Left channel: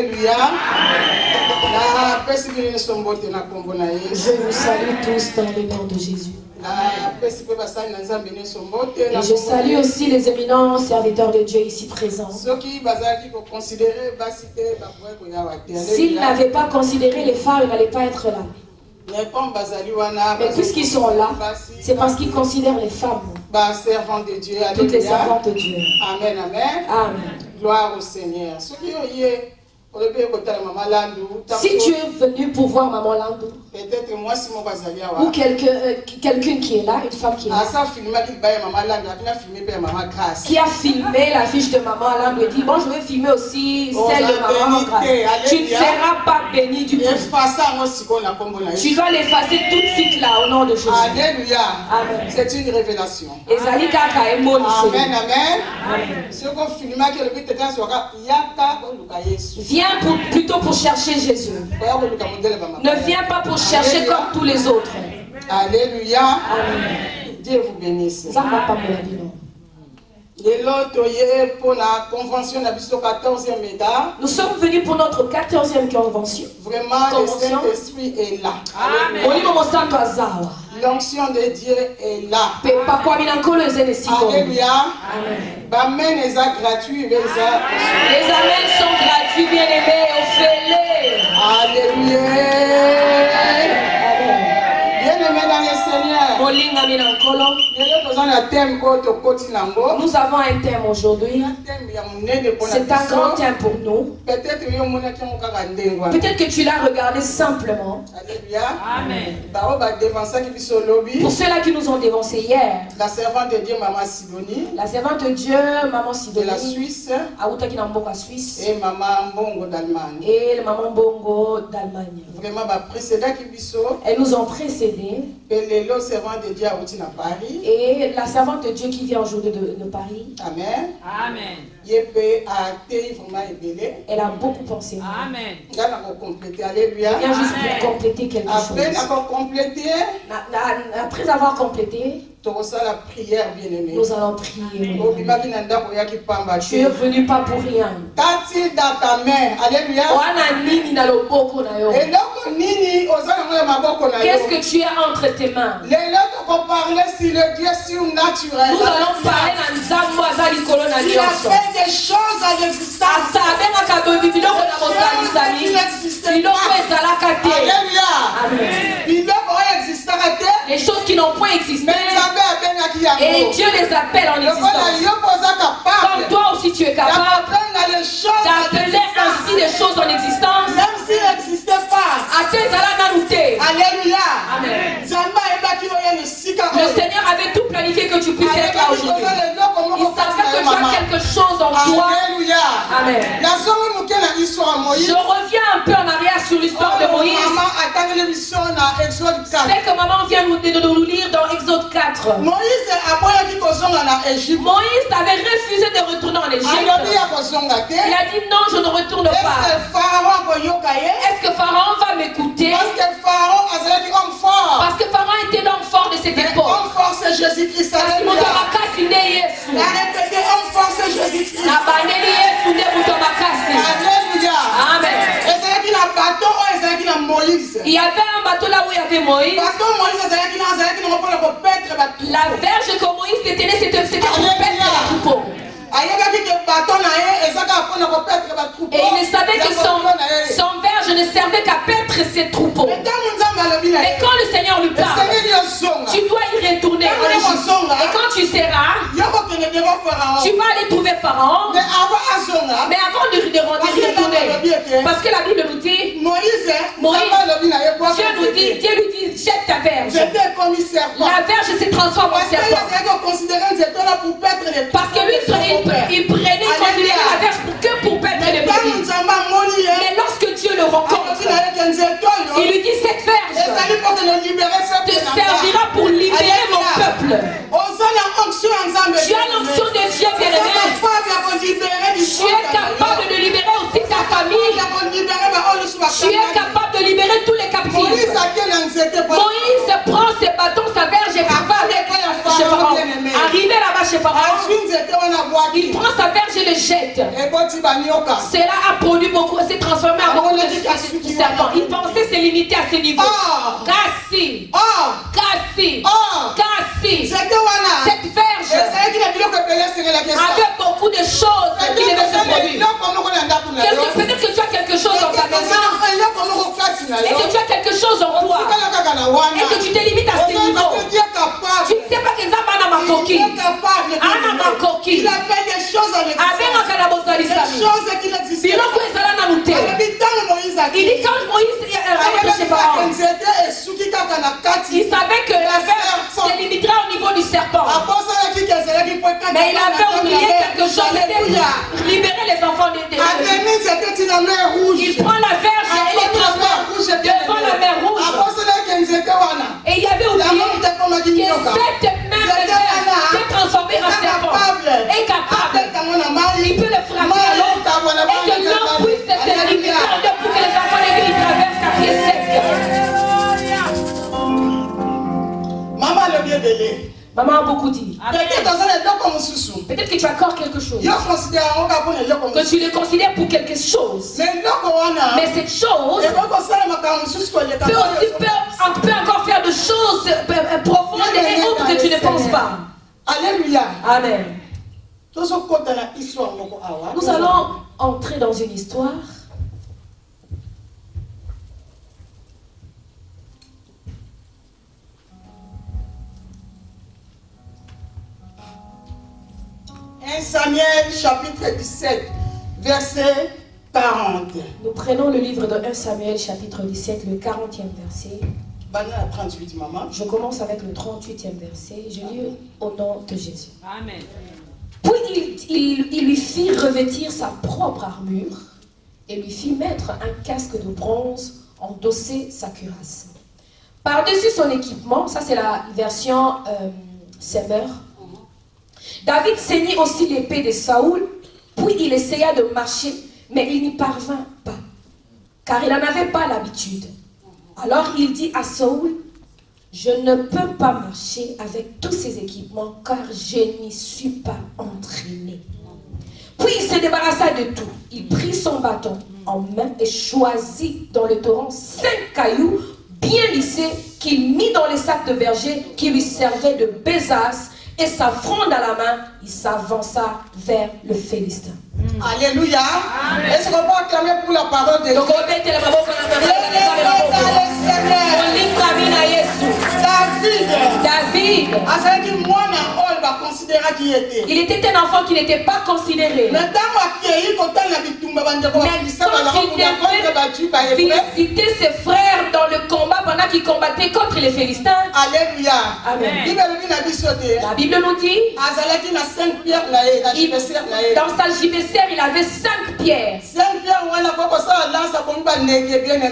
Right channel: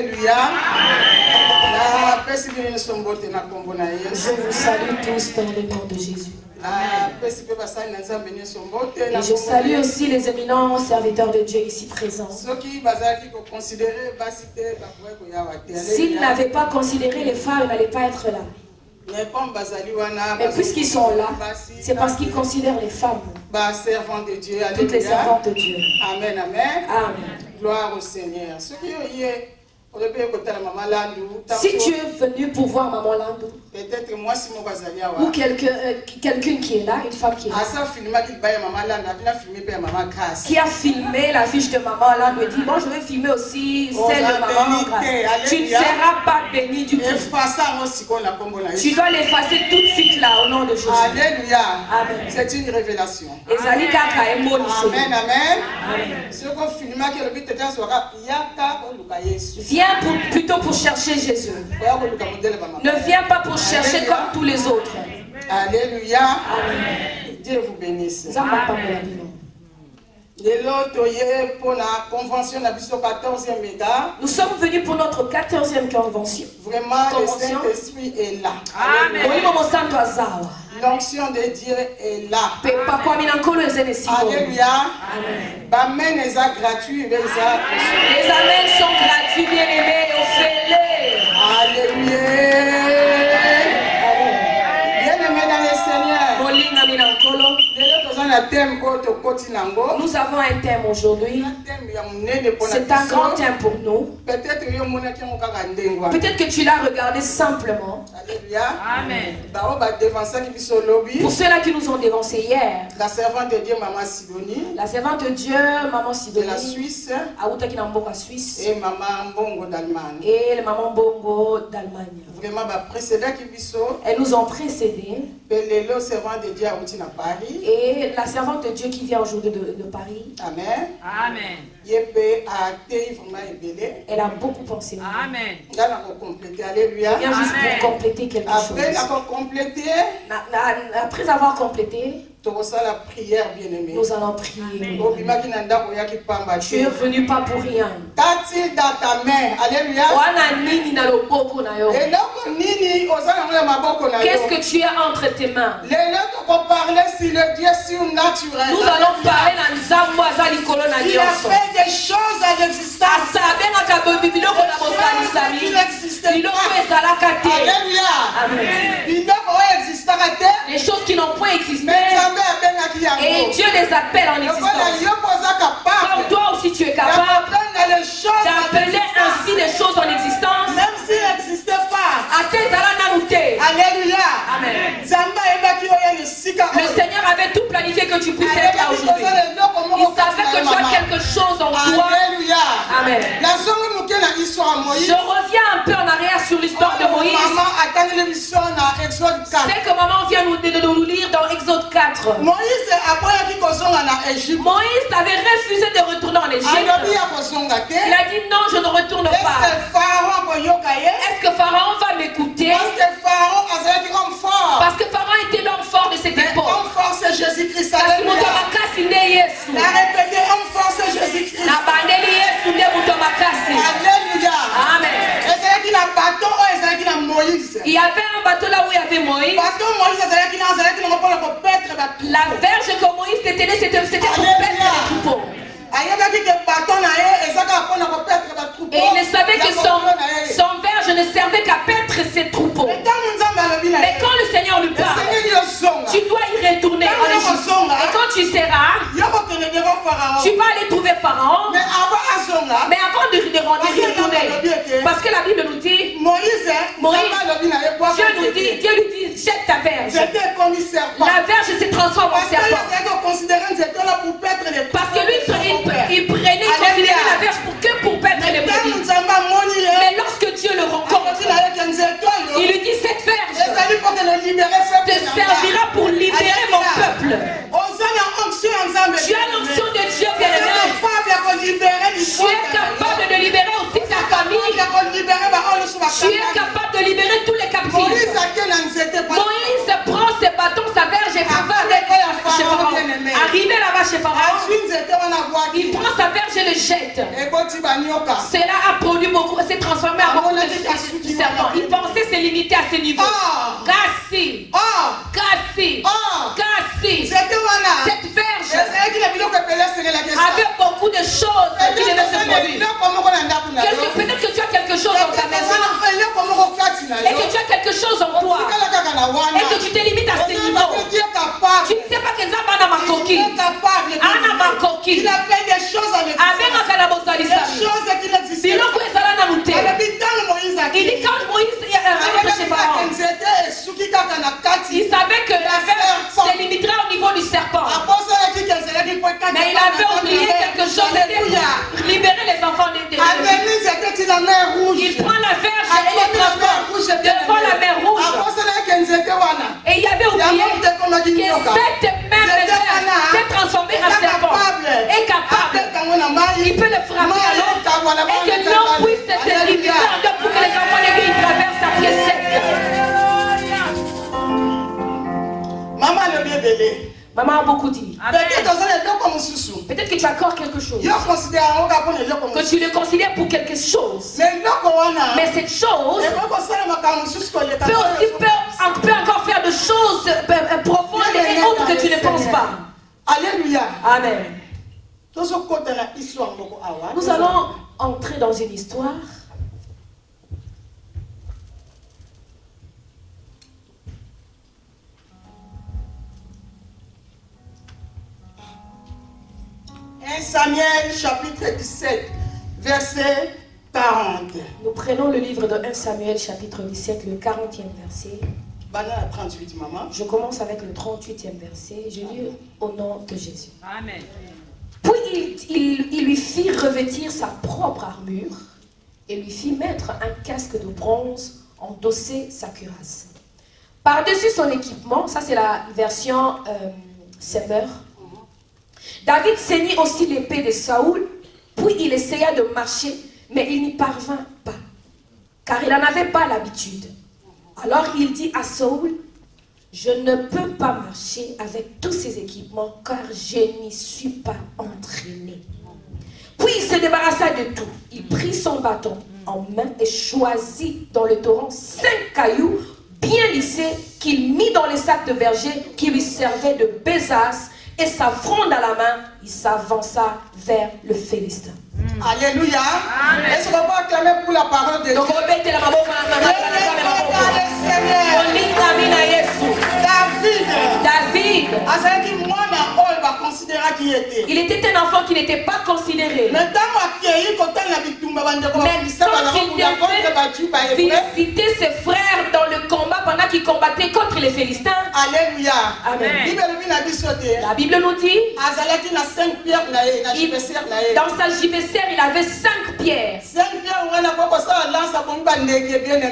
Alléluia. Je vous salue tous dans le nom de Jésus. Et je salue aussi les éminents serviteurs de Dieu ici présents. S'ils n'avaient pas considéré les femmes, ils n'allaient pas être là. Mais puisqu'ils sont là, c'est parce qu'ils considèrent les femmes. Toutes les servantes de Dieu. Amen, amen. Amen. Gloire au Seigneur. Si tu es venu pour voir Maman Landou, ou quelqu'un qui est là, une femme qui est là, qui a filmé la fiche de Maman Landou et dit bon, je vais filmer aussi celle de Maman Grâce. Tu ne seras pas béni du tout. Tu dois l'effacer tout de suite là au nom de Jésus. Alléluia. Amen. C'est une révélation. Amen, amen. Viens plutôt pour chercher Jésus. Ne viens pas pour chercher comme tous les autres. Alléluia. Amen. Dieu vous bénisse. Nous sommes venus pour notre 14e convention. Vraiment, le Saint-Esprit est là. Amen. L'onction de Dieu est là. Alléluia. Amen. Les amens sont gratuits, bien-aimés. Alléluia. Bien-aimés dans le Seigneur. Nous avons un thème aujourd'hui. C'est un grand thème pour nous. Peut-être que tu l'as regardé simplement. Amen. Pour ceux-là qui nous ont dévancés hier, la servante de Dieu, Maman Sidonie, la servante de Dieu, Maman Sidonie, de la Suisse, Suisse, et Maman Bongo d'Allemagne. Et le Maman Bongo d'Allemagne. Vraiment, elles nous ont précédés. Le servant de Dieu à Paris. Et la servante de Dieu qui vient aujourd'hui de Paris. Amen. Amen. Elle a beaucoup pensé. Amen. Alléluia. Viens juste pour compléter quelque chose. Après avoir complété, la prière, bien-aimée. Nous allons prier. Tu es venu pas pour rien. Dans ta main. Alléluia. Qu'est-ce que tu as entre tes mains? Nous allons parler Il a fait des choses à l'existence. Les choses qui n'ont point existé. Et Dieu les appelle en existence. Comme toi aussi tu es capable d'appeler ainsi des choses en existence. Même s'ils n'existaient pas. Alléluia. Amen. Le Seigneur avait tout planifié que tu puisses être là aujourd'hui. Il savait que tu as quelque chose en toi. Amen. Je reviens un peu en arrière sur l'histoire de Moïse. C'est que maman vient nous lire dans Exode 4. Moïse avait refusé de retourner en Égypte. Il a dit non, je ne retourne pas. Est-ce que Pharaon va m'écouter? Parce que Pharaon était l'homme fort de cette époque. Homme fort, c'est Jésus-Christ. Alléluia. Amen. Il y avait un bateau là où il y avait Moïse. La verge que Moïse détenait, c'était pour paître les troupeaux. Et il ne savait que son verge ne servait qu'à paître ses troupeaux. Mais quand le Seigneur lui parle, tu dois y retourner en Égypte. Et quand tu seras, tu vas aller trouver Pharaon. Mais avant de retourner, parce que la Bible nous dit, Dieu lui dit, jette ta verge. La verge se transforme en serpent. Parce que lui, il prenait, considérait la verge pour paître les brebis. Mais lorsque Dieu le rencontre, il lui dit, cette verge te servira pour libérer mon peuple. Tu as l'onction de Dieu, bien-aimé. Tu es capable de libérer aussi ta famille. Tu es capable de libérer tous les captifs. Moïse prend ses bâtons, sa verge et cavale. chez Pharaon. Arrivé là-bas chez Pharaon, il prend sa verge et le jette. Cela a produit beaucoup, s'est transformé en beaucoup de serpents. Il pensait se limiter à ce niveau. Cassi. Cette verge avait beaucoup de choses qui devaient se produire. Peut-être que tu as quelque chose dans ta maison et que tu as quelque chose en toi et que tu te limites à ce niveau. Tu ne sais pas que ça va dans ma coquille. Il a fait des choses avec ça. Des choses qui n'existaient pas. Il dit quand Moïse est chez Pharaon, il savait que la verge se limiterait au niveau du serpent. Mais il avait oublié quelque chose, c'était libérer les enfants des démons. Il prend la verge et les transporte devant la mer rouge. Et il avait oublié que cette même verge s'est transformée en serpent. Est capable. Il peut le frapper à l'eau et que l'eau puisse se libérer pour que les enfants de Dieu traversent à pied sec. Maman a beaucoup dit. Peut-être que tu accordes quelque chose. Que tu le considères pour quelque chose. Mais cette chose peut encore faire de choses profondes et autres que tu ne penses pas. Alléluia. Amen. Nous allons entrer dans une histoire. Samuel chapitre 17, verset 40. Nous prenons le livre de 1 Samuel chapitre 17, le 40e verset. 38, maman. Je commence avec le 38e verset. Je lis au nom de Jésus. Amen. Puis il lui fit revêtir sa propre armure et lui fit mettre un casque de bronze, endosser sa cuirasse. Par-dessus son équipement, ça c'est la version Semeur, David ceignit aussi l'épée de Saoul, puis il essaya de marcher, mais il n'y parvint pas, car il n'en avait pas l'habitude. Alors il dit à Saoul, je ne peux pas marcher avec tous ces équipements, car je n'y suis pas entraîné. Puis il se débarrassa de tout. Il prit son bâton en main et choisit dans le torrent 5 cailloux bien lissés qu'il mit dans les sacs de berger qui lui servaient de besace. Et sa fronde à la main, il s'avança vers le Philistin. Alléluia. Est-ce qu'on va acclamer pour la parole de Dieu? David. Il était un enfant qui n'était pas considéré. Mais quand il visitait ses frères dans le combat pendant qu'ils combattaient contre les Philistins. Alléluia. Amen. La Bible nous dit, dans sa gibecière, il avait 5 pierres.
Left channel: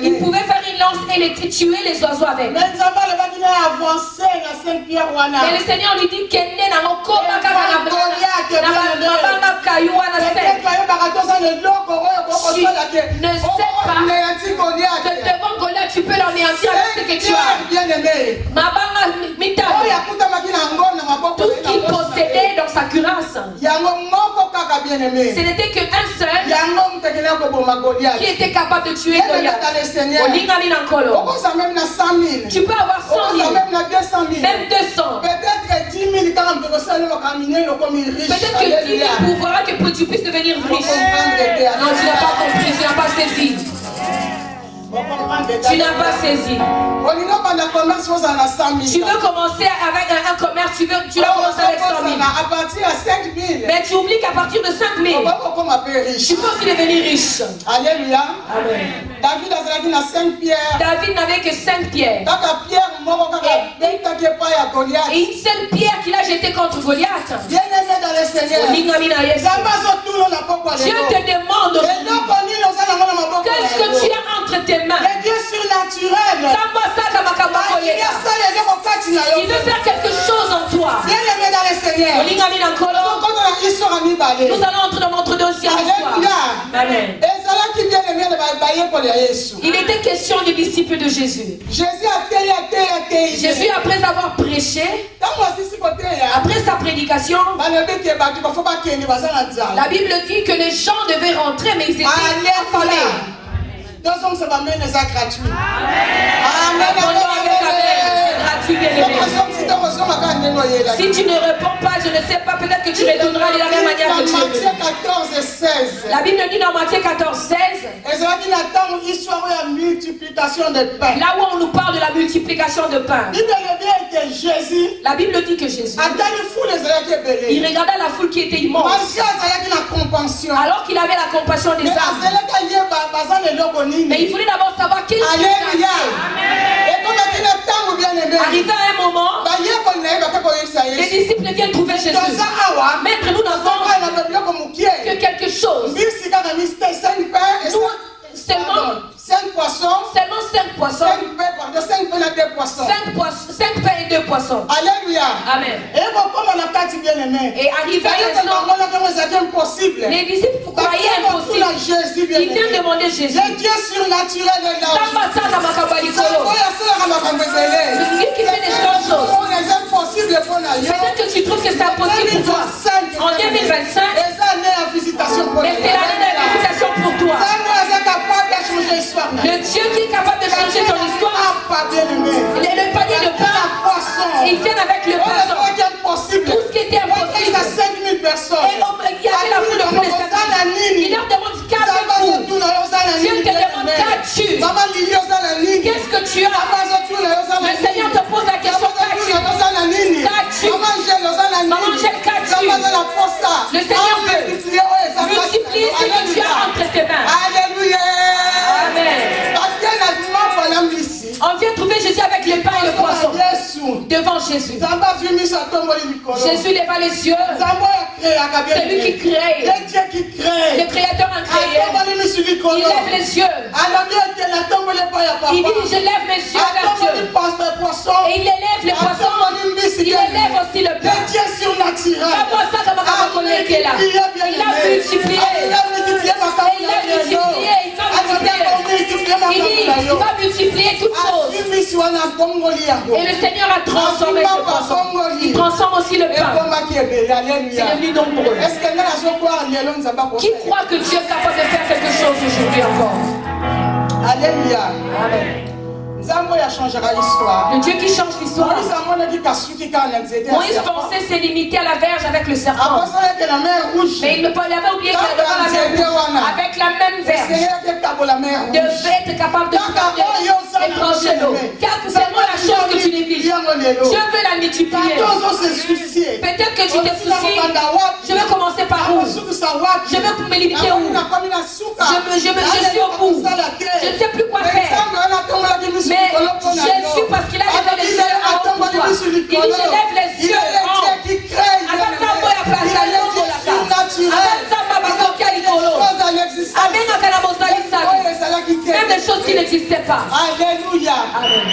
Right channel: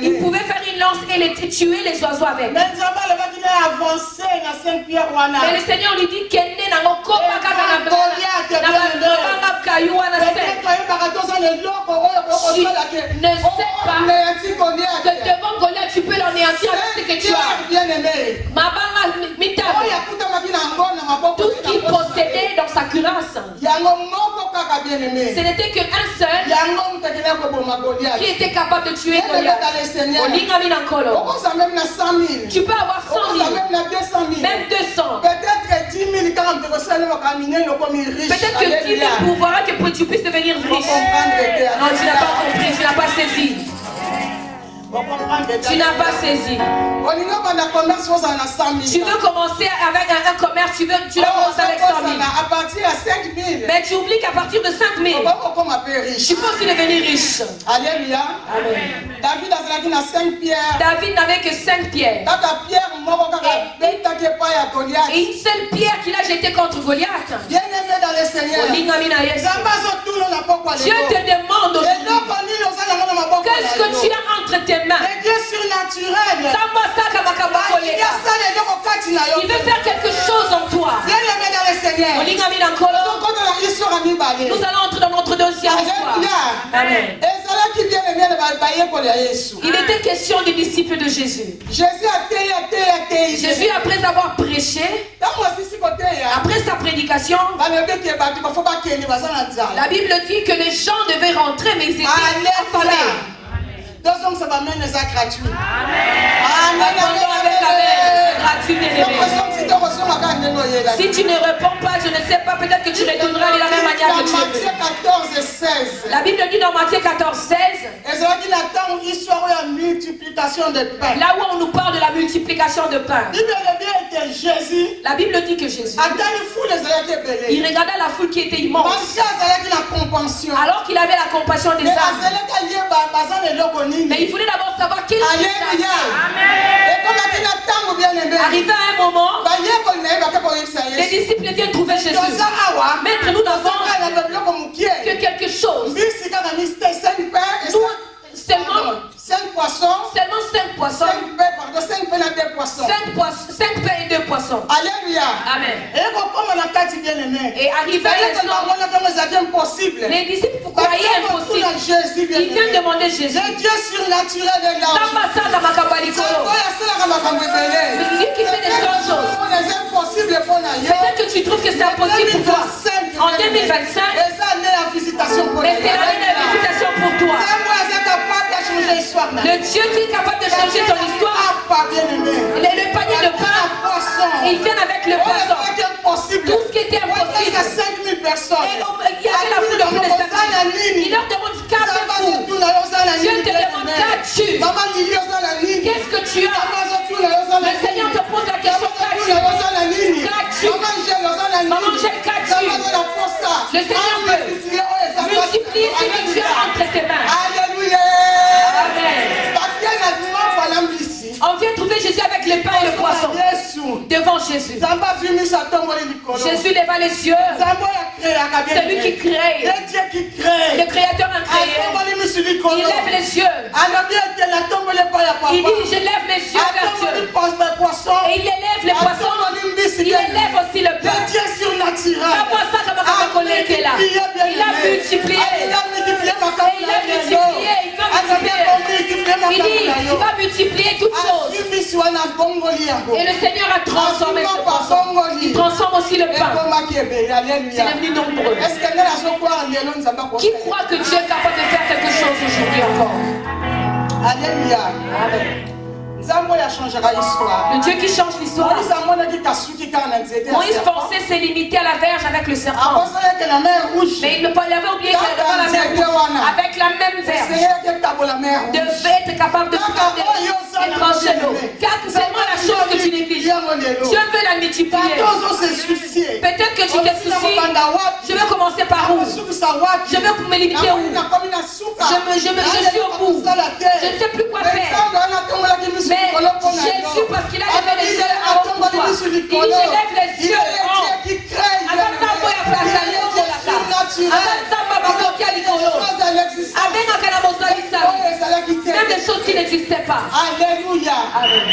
Il pouvait faire une lance et tuer les oiseaux avec. Mais le Seigneur lui dit qu'il ne sais pas que devant Goliath tu peux l'anéantir avec ce que tu as. Tout ce qu'il possédait dans sa cuirasse, ce n'était qu'un seul qui était capable de tuer Goliath. Tu peux avoir 100 000, même 200. Peut-être 10 000 Peut-être que 10 000 pouvoirs que tu puisses devenir riche. Non, tu n'as pas compris, tu n'as pas saisi. Tu n'as pas saisi. Tu veux commencer avec un commerce, tu dois commencer avec 100 000. Mais tu oublies qu'à partir de 5 000, tu peux aussi devenir riche. Alléluia. Amen. David n'avait que 5 pierres. Et une seule pierre qu'il a jetée contre Goliath. Dieu te demande qu'est-ce que tu as entre tes mains. Les dieux surnaturels. Il veut faire quelque chose en toi. Nous allons entrer dans notre deuxième histoire. Amen. Il était question des disciples de Jésus. Jésus, après avoir prêché, après sa prédication, la Bible dit que les gens devaient rentrer, mais ils étaient affamés. Donc ça va même les gratuit. Amen. C'est gratuit, bien-aimé. Si tu ne réponds pas, je ne sais pas, peut-être que tu retourneras de la même manière que tu es venu. Matthieu 14 et 16. La Bible dit dans Matthieu 14, 16. Là où on nous parle de la multiplication de pain. La Bible dit que Jésus, il regardait la foule qui était immense. Alors qu'il avait la compassion des âmes. Mais il voulait d'abord savoir quel était. Arrivé à un moment, les disciples viennent trouver Jésus. Maître, nous n'avons que quelque chose. Nous, seulement 5 poissons. Seulement 5 poissons. 5 pains et 2 poissons. Alléluia. Amen. Et arrivé à impossible. Les disciples croyaient impossible. Ils viennent demander Jésus. Le Dieu surnaturel de celui qui fait des grandes choses. Peut-être que tu trouves que c'est impossible pour toi. En 2025, mais c'est l'année de visitation pour toi. Le Dieu qui est capable de changer ton histoire. Le panier de pain, il vient avec le poisson. Tout ce qui était impossible. Et il y avait la foule de plus de 5 000. Il leur demande qu'avez-vous. Dieu te demande qu'as-tu. Qu'est-ce que tu as? Le Seigneur te pose la question qu'as-tu. Maman, qu'as-tu? Le Seigneur veut multiplier ce que tu as entre tes mains. Alléluia. Amen. On vient trouver Jésus avec le pain et le poisson devant Jésus. Jésus leva les yeux. C'est lui qui crée. Le Créateur incréé. Il lève les yeux. Il dit, je lève mes yeux vers Dieu. Et il élève les poissons. Il élève aussi le pain. Il a multiplié. Il dit, il va multiplier toutes choses. Et le Seigneur a transformé ce poisson. Il transforme aussi le pain. C'est devenu nombreux. Qui croit que Dieu est capable de faire quelque chose aujourd'hui encore? Alléluia. Amen. Le Dieu qui change l'histoire. Moïse pensait se limiter à la verge avec le serpent. Mais il avait oublié qu'elle avait la mer rouge. Avec la même verge. Devait être capable de prendre et trancher l'eau. Car c'est moi la chose que tu négliges. Dieu veut la multiplier. Peut-être que tu te soucies. Je vais commencer par où? Je vais me limiter où? Je suis au bout. Je ne sais plus quoi faire. Mais Jésus, parce qu'il a levé les yeux en haut pour toi, il dit, je lève les yeux en haut. Même des choses qui n'existaient pas. Alléluia. Amen.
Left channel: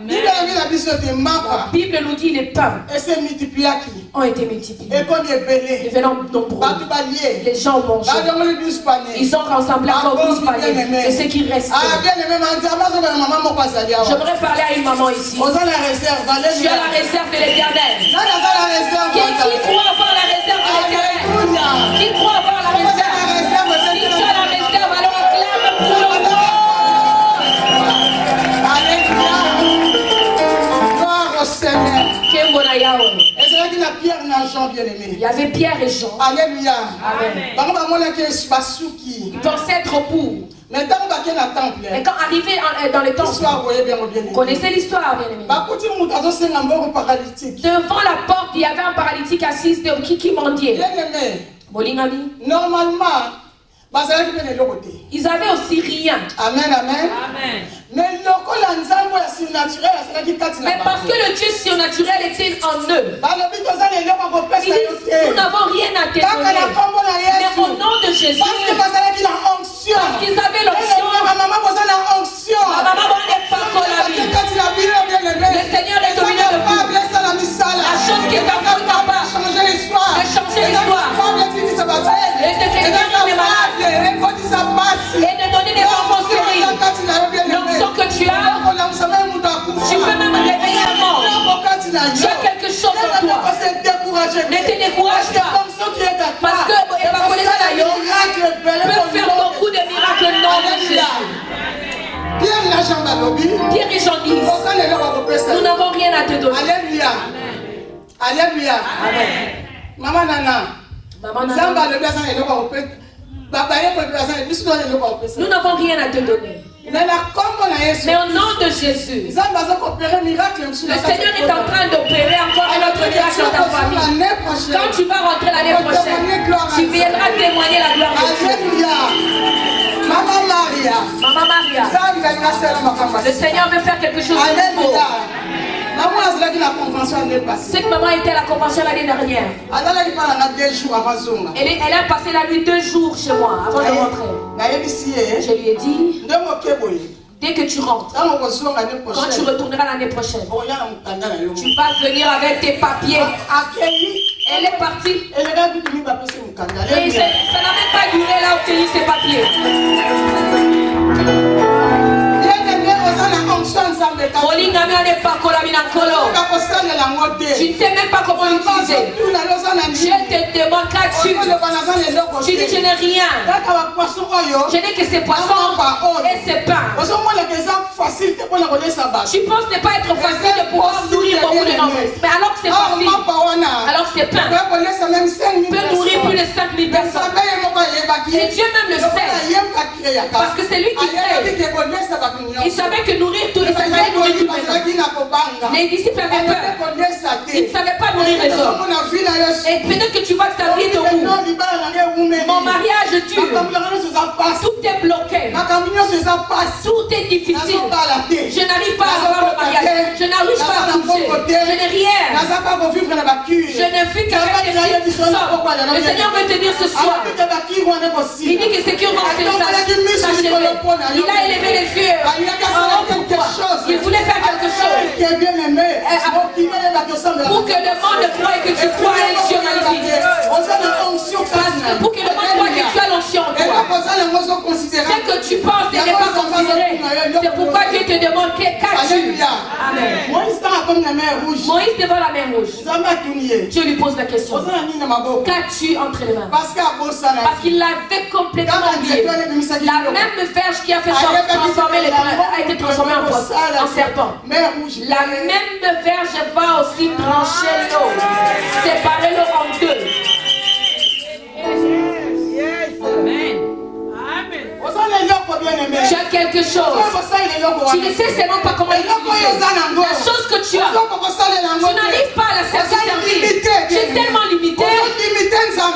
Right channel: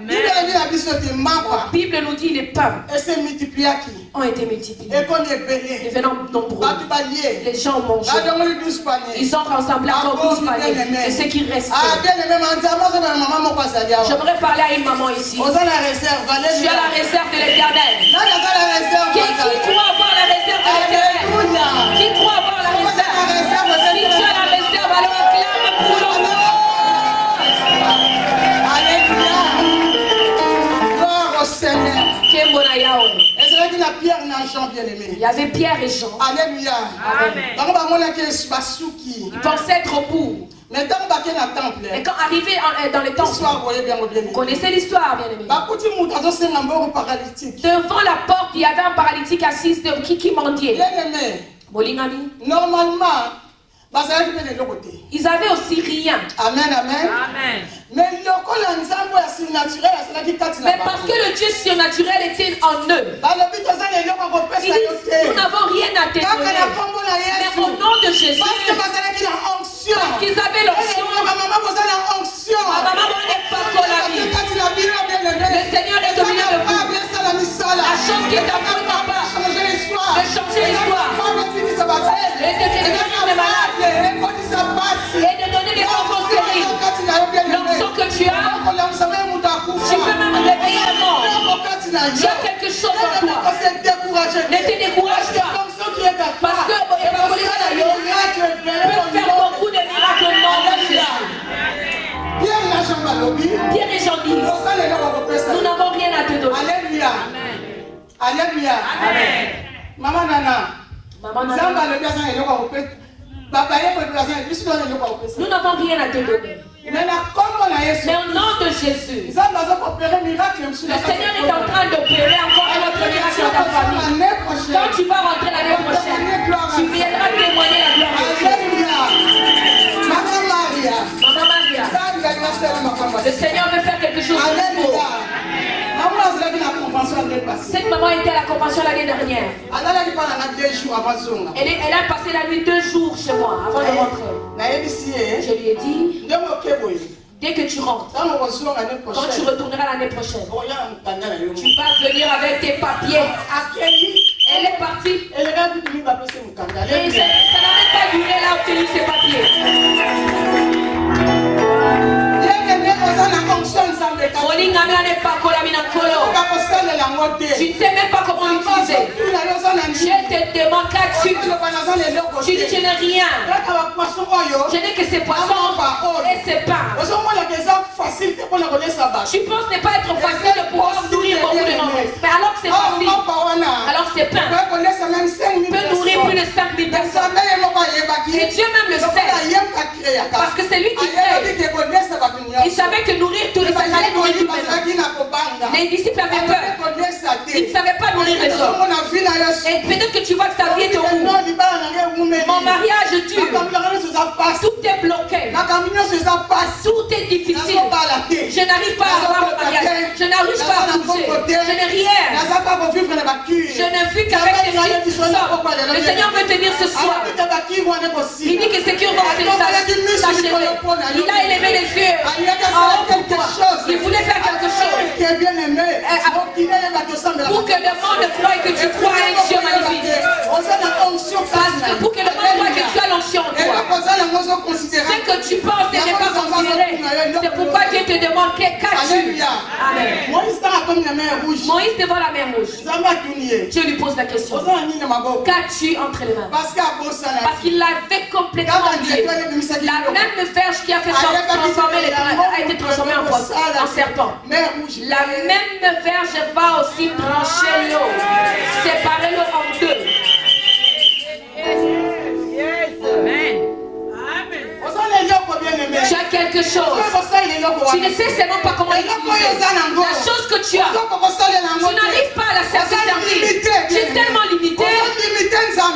La Bible nous dit les pains ont été multipliés. Devenant nombreux. Les gens ont mangé. Ils ont rassemblé encore 12 paniers. Et ce qui reste. J'aimerais parler à une maman ici. Tu as la réserve de l'Éternel. Qui croit avoir la réserve de l'Éternel? Qui croit avoir la réserve? Si tu as la réserve, alors acclame pour le nom. Seigneur. Il y avait Pierre et Jean. Alléluia. Amen. Ils pensaient être au bout. Mais quand arrivé dans le temple, vous connaissez l'histoire, bien aimé. Devant la porte, il y avait un paralytique assis qui mendiait. Normalement, ils avaient aussi rien. Amen, amen. Amen. Mais parce que le Dieu surnaturel était en eux, ils disent, nous n'avons rien à te donner. Mais au nom de Jésus, parce qu'ils avaient l'onction, le Seigneur est au milieu de vous. La chose qui est capable de changer l'histoire, et de guérir les malades, et de Pierre et Jean disent, nous n'avons rien à te donner. Alléluia. Alléluia. Amen. Maman Nana. Maman Nana. Nous n'avons rien à te donner. Mais au nom de Jésus, le Seigneur est en train d'opérer encore un autre miracle dans ta famille. Quand tu vas rentrer l'année prochaine, tu viendras témoigner la gloire de Dieu. Maman Maria, le Seigneur veut faire quelque chose de nouveau. Cette maman était à la convention l'année dernière. Elle a passé la nuit 2 jours chez moi avant de rentrer. Je lui ai dit, dès que tu rentres, quand tu retourneras l'année prochaine, tu vas venir avec tes papiers. Elle est partie. Et ça n'a même pas duré, elle a obtenu ses papiers. Tu ne sais même pas comment l'utiliser. Je te demande, qu'as-tu? Tu dis, je n'ai rien. Je dis que c'est poisson et c'est pain. Tu penses ne pas être facile de pouvoir nourrir beaucoup de nombreux. Mais alors que c'est facile, alors c'est pain. Tu peux nourrir plus de 5000 personnes. Et Dieu même le sait. Parce que c'est lui qui crée. Il savait que nourrir tout le monde. Les disciples avaient peur. Ils ne savaient pas nourrir les hommes. Et peut-être que tu vois que ta vie est au bout. Mon mariage dure. Tout est bloqué. Tout est difficile. Je n'arrive pas à avoir le mariage. Je n'arrive pas à toucher. Je n'ai rien. Je ne vis qu'avec des filles. Le Seigneur veut te dire ce soir. Il dit que c'est qui va s'achever. Il a élevé les yeux en haut pour toi. Il voulait faire quelque chose. Pour que le monde croie que tu crois à un Dieu magnifique. Pour que le monde croie que tu as l'onction en toi. Ce que tu penses n'est pas considéré. C'est pourquoi Dieu te demande qu'as-tu. Amen. Moïse devant la mer rouge. Dieu lui pose la question. Qu'as-tu entre les mains? Parce qu'il l'avait complètement oublié. La même verge qui a fait transformer les a été transformée en serpent. La même verge va aussi trancher l'eau, séparer l'eau en deux. Tu as quelque chose. Tu ne sais seulement pas comment l'utiliser. La chose que tu as, tu n'arrives pas à la servir. Tu es tellement limité.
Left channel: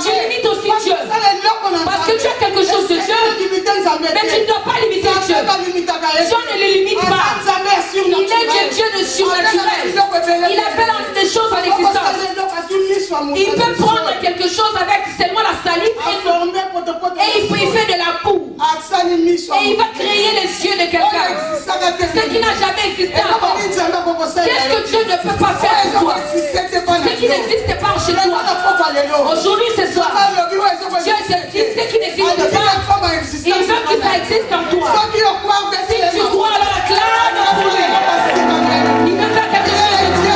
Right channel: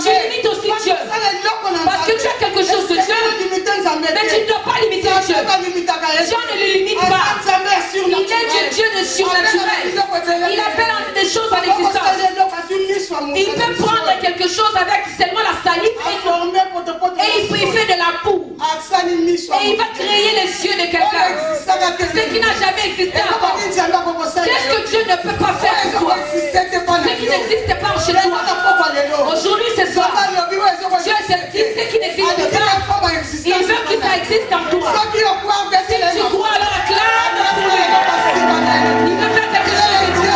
Tu limites aussi Dieu. Parce que tu as quelque chose de Dieu, mais tu ne dois pas limiter Dieu. Dieu ne les limite pas. Il est Dieu de surnaturel. Il appelle des choses à l'existence. Il peut prendre quelque chose avec seulement la salive et il fait de la boue. Et il va créer les yeux de quelqu'un. Ce qui n'a jamais existé avant. Qu'est-ce que Dieu ne peut pas faire pour toi? Ce qui n'existe pas chez toi. Aujourd'hui, ce soir, Dieu existe ce qui n'existe pas. Il veut que ça existe en toi. Si tu crois, alors acclame pour lui. Il veut faire quelque chose de Dieu.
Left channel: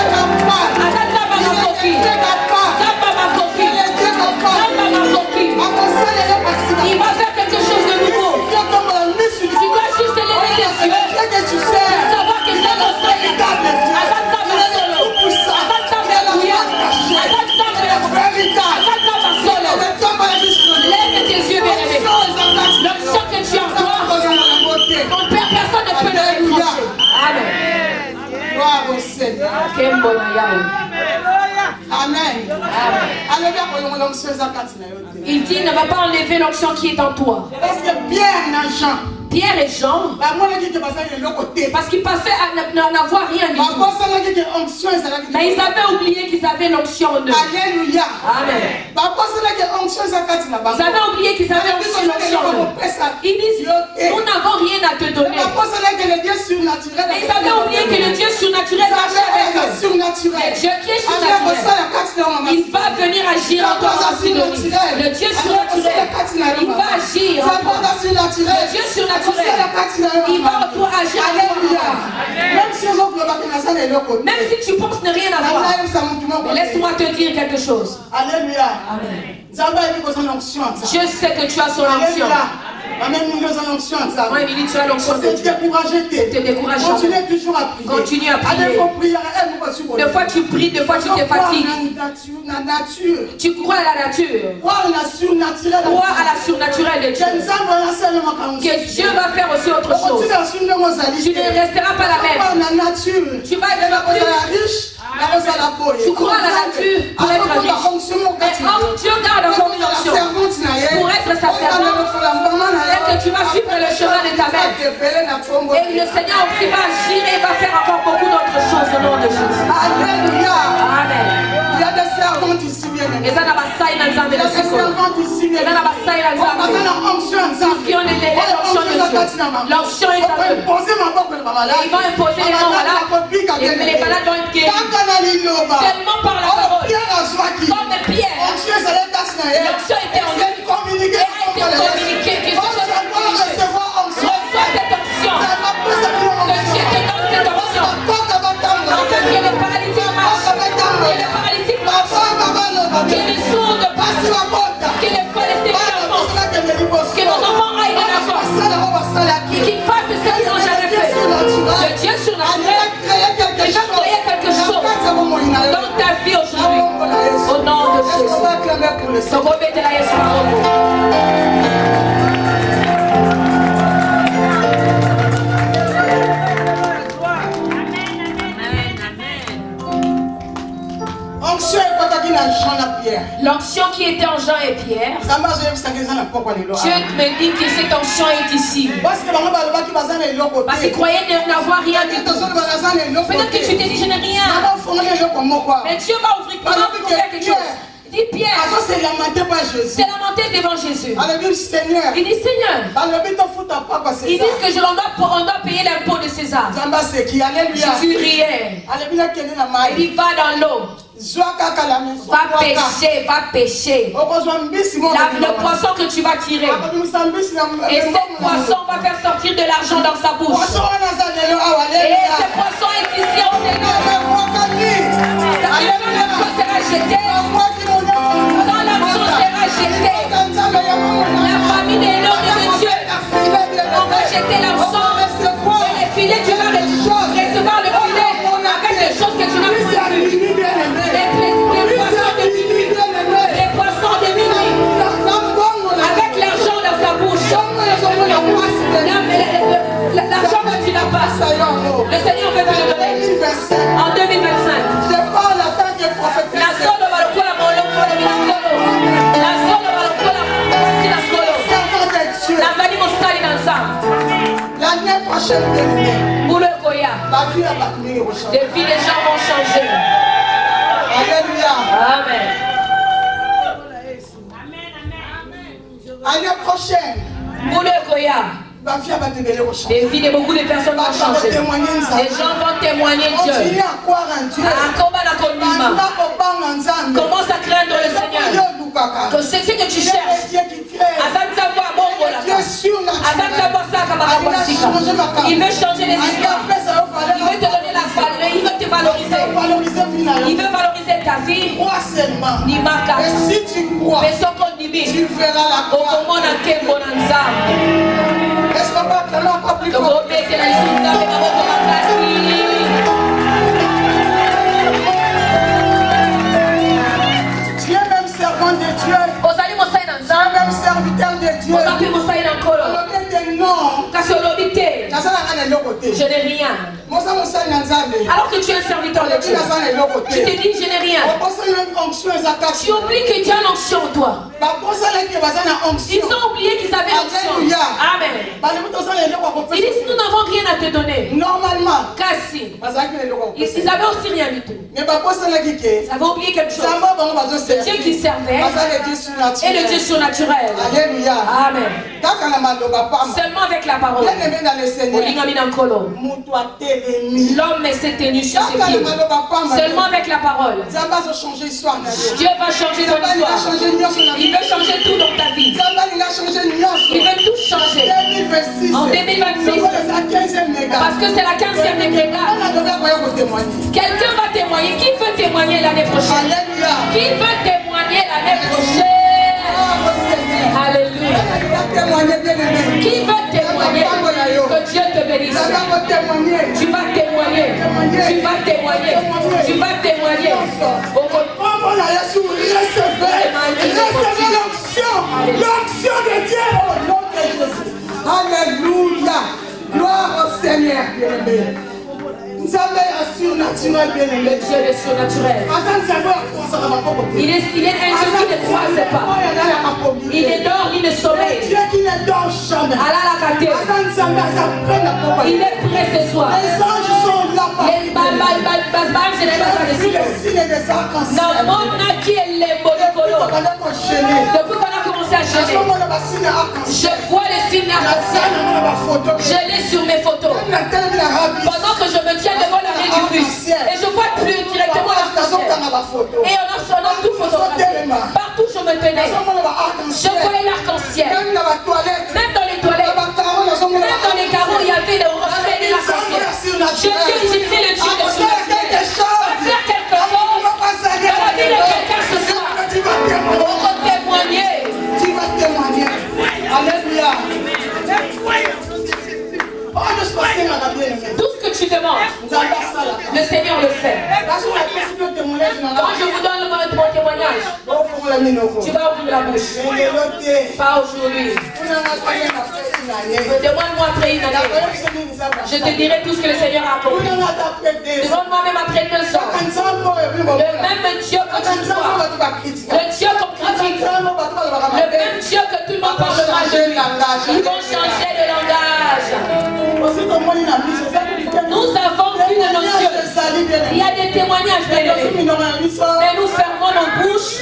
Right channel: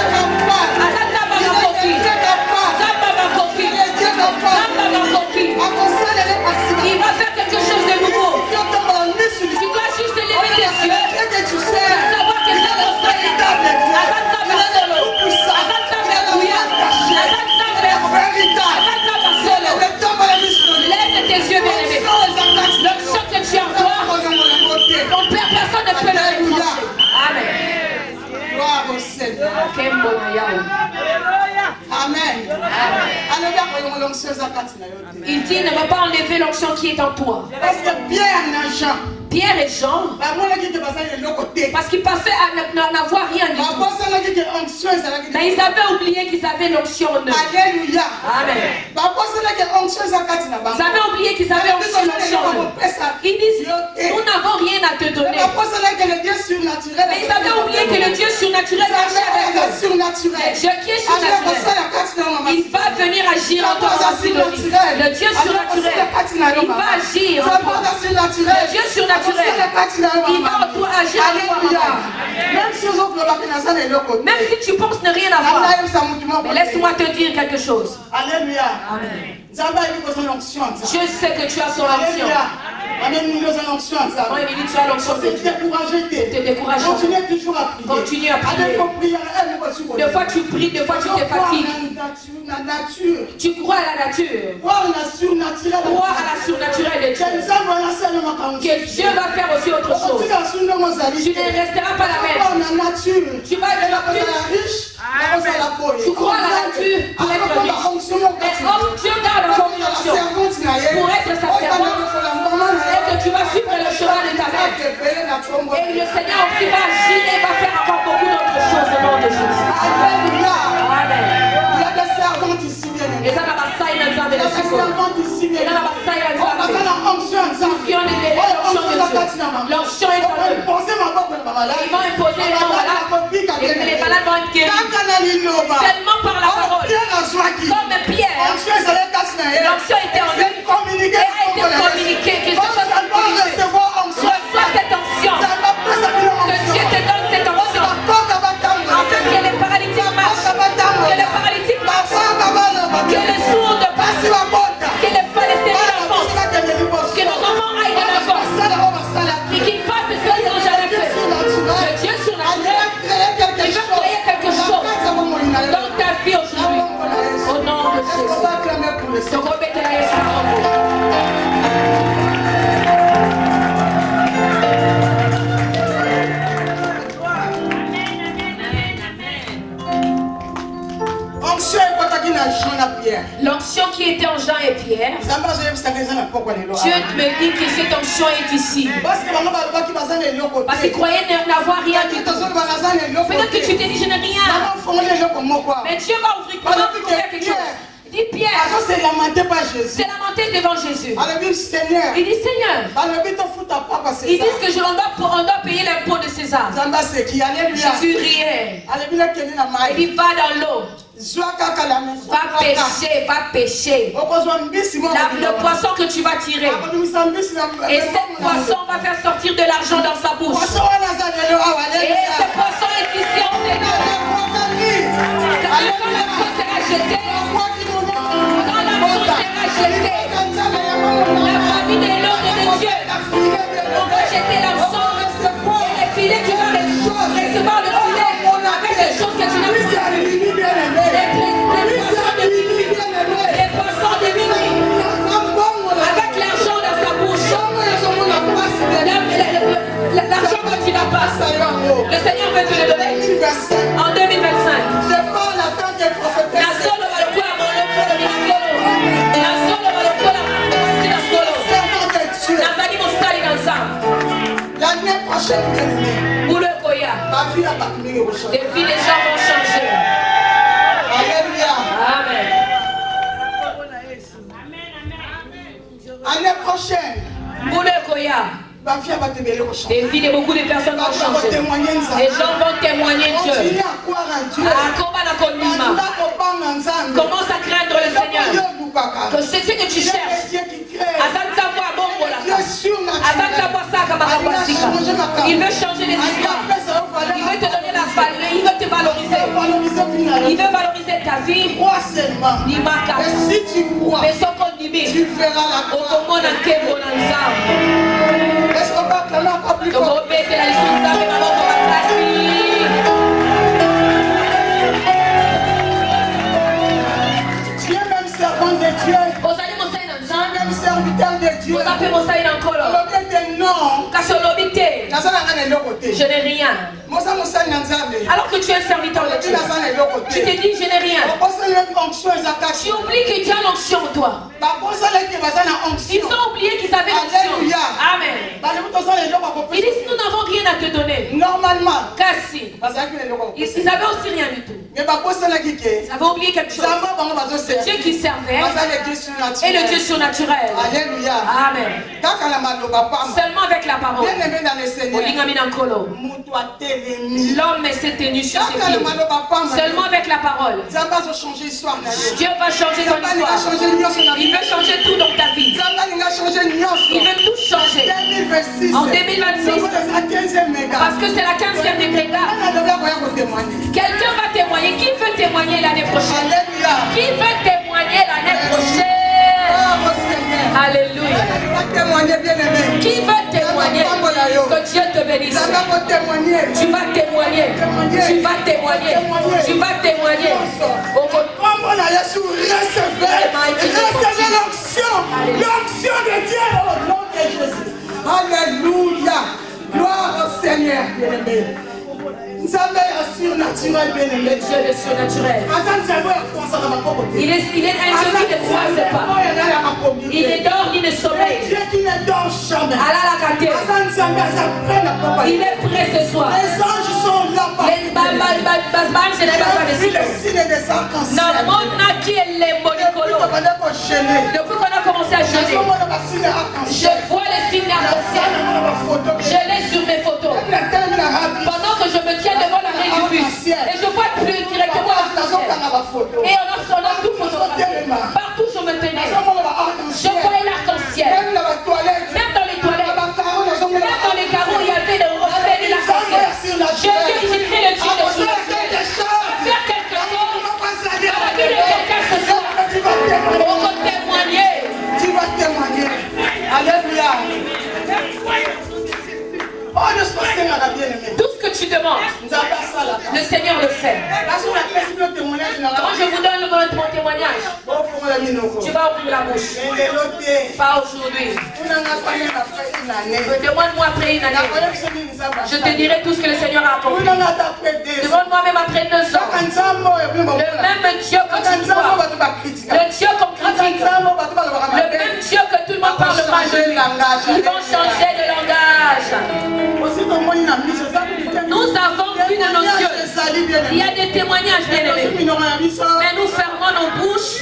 Il va faire quelque chose de nouveau. Tu dois juste lever tes yeux. Savoir que ça va lève tes yeux, bien-aimé. L'onction que tu as en toi, ton Père, personne ne peut le retrancher. Amen. Gloire au Seigneur. Amen. Il dit, ne va pas enlever l'onction qui est en toi. Parce que Pierre et Jean, parce qu'ils passaient à n'avoir rien du tout. Mais ils avaient oublié qu'ils avaient l'onction en eux. Alléluia. Amen. Ils avaient oublié qu'ils avaient l'onction en eux. Ils disent, nous n'avons rien à te donner. Mais ils avaient oublié que le Dieu surnaturel marchait avec eux. Le Dieu qui est surnaturel, il va venir agir en toi. Le Dieu surnaturel, il va agir en toi. Le Dieu surnaturel, il va en toi agir en toi. Même si tu penses ne rien avoir, laisse-moi te dire quelque chose. Alléluia. Amen. Je sais que tu as son onction. Quand il dit tu as l'onction de Dieu, te décourage. Continue à prier. Des fois tu pries, des fois tu te fatigues. Tu crois à la nature. Crois à la surnaturelle de Dieu. Que Dieu va faire aussi autre chose. Tu ne resteras pas la même. Tu vas être riche. Tu crois à la nature pour être riche. Mais Dieu garde encore une onction pour être sa servante. Et que tu vas suivre le chemin de ta mère. Et le Seigneur aussi va agir et va faire encore beaucoup d'autres choses au nom de Jésus. Alléluia. Amen. Il y a des servantes ici, bien aimés. Il y a des servantes ici, bien aimés. L'onction est en eux. Ils vont imposer les mains malades. Et les malades vont être guéris. Seulement par la parole. Comme Pierre. L'onction était en lui. Et a été communiquée. Qu'ils ont reçois cette onction. Que Dieu te donne cette onction. Afin que les paralytiques marchent. Que les paralytiques marchent. Que les sourds passent. Que les Palestiniens avancent. Que nos enfants aillent de la force. Et qu'ils fassent ce qu'ils n'ont jamais fait. Le Dieu surnaturel, il va créer quelque chose dans ta vie aujourd'hui. Au nom de Jésus. Donc, remettez-la sur la robe. L'onction qui était en Jean et Pierre, Dieu me dit que cette onction est ici. Parce qu'ils croyaient n'avoir rien du tout. Peut-être que tu t'es dit je n'ai rien. Mais Dieu va ouvrir pour quelque chose. Dis Pierre, c'est lamenté devant Jésus. Il dit Seigneur, ils disent que on doit payer l'impôt de César. Jésus riait. Il dit va dans l'eau. Va pêcher. Le poisson que tu vas tirer. Et ce poisson va faire sortir de l'argent dans sa bouche. Et ce poisson est ici en l'onction sera jetée. Quand l'onction sera jetée, la famille de l'homme et de Dieu, on va jeter l'onction. Et les filets, tu vas recevoir le filet avec les choses que tu n'as pas vues. Les poissons de minuit, avec l'argent dans sa bouche, l'argent que tu n'as pas, le Seigneur va te le donner en 2025. L'année prochaine, pour le Goya, les vies des gens vont changer. Alléluia. Amen. L'année prochaine, pour le Goya, les vies de beaucoup de personnes vont changer. Les gens vont témoigner Dieu. Commence à craindre le Seigneur. Que c'est ce que tu cherches. Il veut changer les histoires. Il veut te donner la valeur. Il veut te valoriser. Il veut valoriser ta vie. Et si tu crois, tu verras la gloire. Est-ce qu'on va prendre encore plus fort? Tu es même servant de Dieu. Même serviteur de Dieu. Je n'ai rien. Alors que tu es un serviteur de Dieu, tu te dis je n'ai rien. Tu oublies que Dieu a l'onction en toi. Ils ont oublié qu'ils avaient l'onction. Amen. Ils disent nous n'avons rien à te donner. Normalement. Cassi. Ils avaient aussi rien du tout. Ils avaient oublié quelque chose. Le Dieu qui servait et le Dieu surnaturel. Alléluia. Amen. Seulement avec la parole. L'homme s'est tenu sur ses pieds. Seulement avec la parole. Dieu va changer ton histoire. Il veut changer tout dans ta vie. Il veut tout changer. En 2026. Parce que c'est la 15e dégrégade. Quelqu'un va témoigner. Qui veut témoigner l'année prochaine? Qui veut témoigner l'année prochaine? Alléluia. Qui veut témoigner que Dieu te bénisse? Tu vas témoigner. Tu vas témoigner. Tu vas témoigner. L'onction de Dieu au nom de Jésus. Alléluia. Gloire au Seigneur, bien-aimé. Le Dieu est surnaturel. Il est un Dieu qui ne croise pas. Il ne dort ni ne sommeille. Dieu qui ne dort jamais. Il est prêt ce soir. Les anges sont là. Dans le monde qui est les molécules. Depuis qu'on a commencé à jeûner, je vois les signes d'arc-en-ciel. Je l'ai sur mes photos. Pendant que je me tiens devant la main du bus, et je vois plus directement l'arc-en-ciel. Et on a tout photographié. Partout je me tenais. Je voyais l'arc-en-ciel. Même dans les toilettes. Même dans les carreaux, il y avait le reflet de l'arc-en-ciel. Je dis, j'étais le Dieu de surnaturel. Faire quelque chose dans la vie de quelqu'un ce soir. On va témoigner. Tu vas témoigner. Alléluia. Tout ce que tu demandes, le Seigneur le fait. Quand je vous donne mon témoignage, tu vas ouvrir la bouche. Pas aujourd'hui. Demande-moi après une année. Je te dirai tout ce que le Seigneur a accompli. Demande-moi même après 2 ans. Le même Dieu que tu vois. Le Dieu qu'on critique. Le même Dieu que tout le monde parle mal de lui. Ils vont changer de langage. Nous avons vu de nos yeux. Il y a des témoignages, bien-aimés. Mais nous fermons nos bouches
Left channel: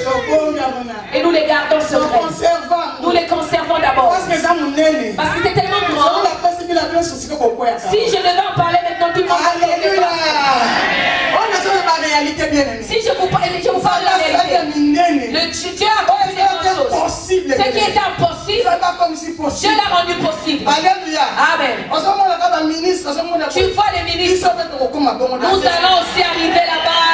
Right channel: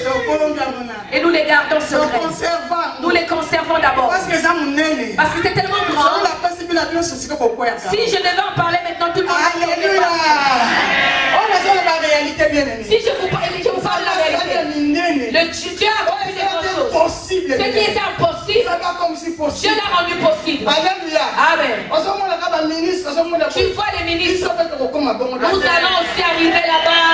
et nous les gardons secrets. Nous les conservons d'abord. Parce que c'est tellement grand. Si je devais en parler maintenant, tout le monde. Si je vous parle de la réalité, le Dieu a accompli des grandes choses. Ce qui était impossible, Dieu l'a rendu possible. Alléluia. Amen. Tu vois les ministres. Nous allons aussi arriver là-bas.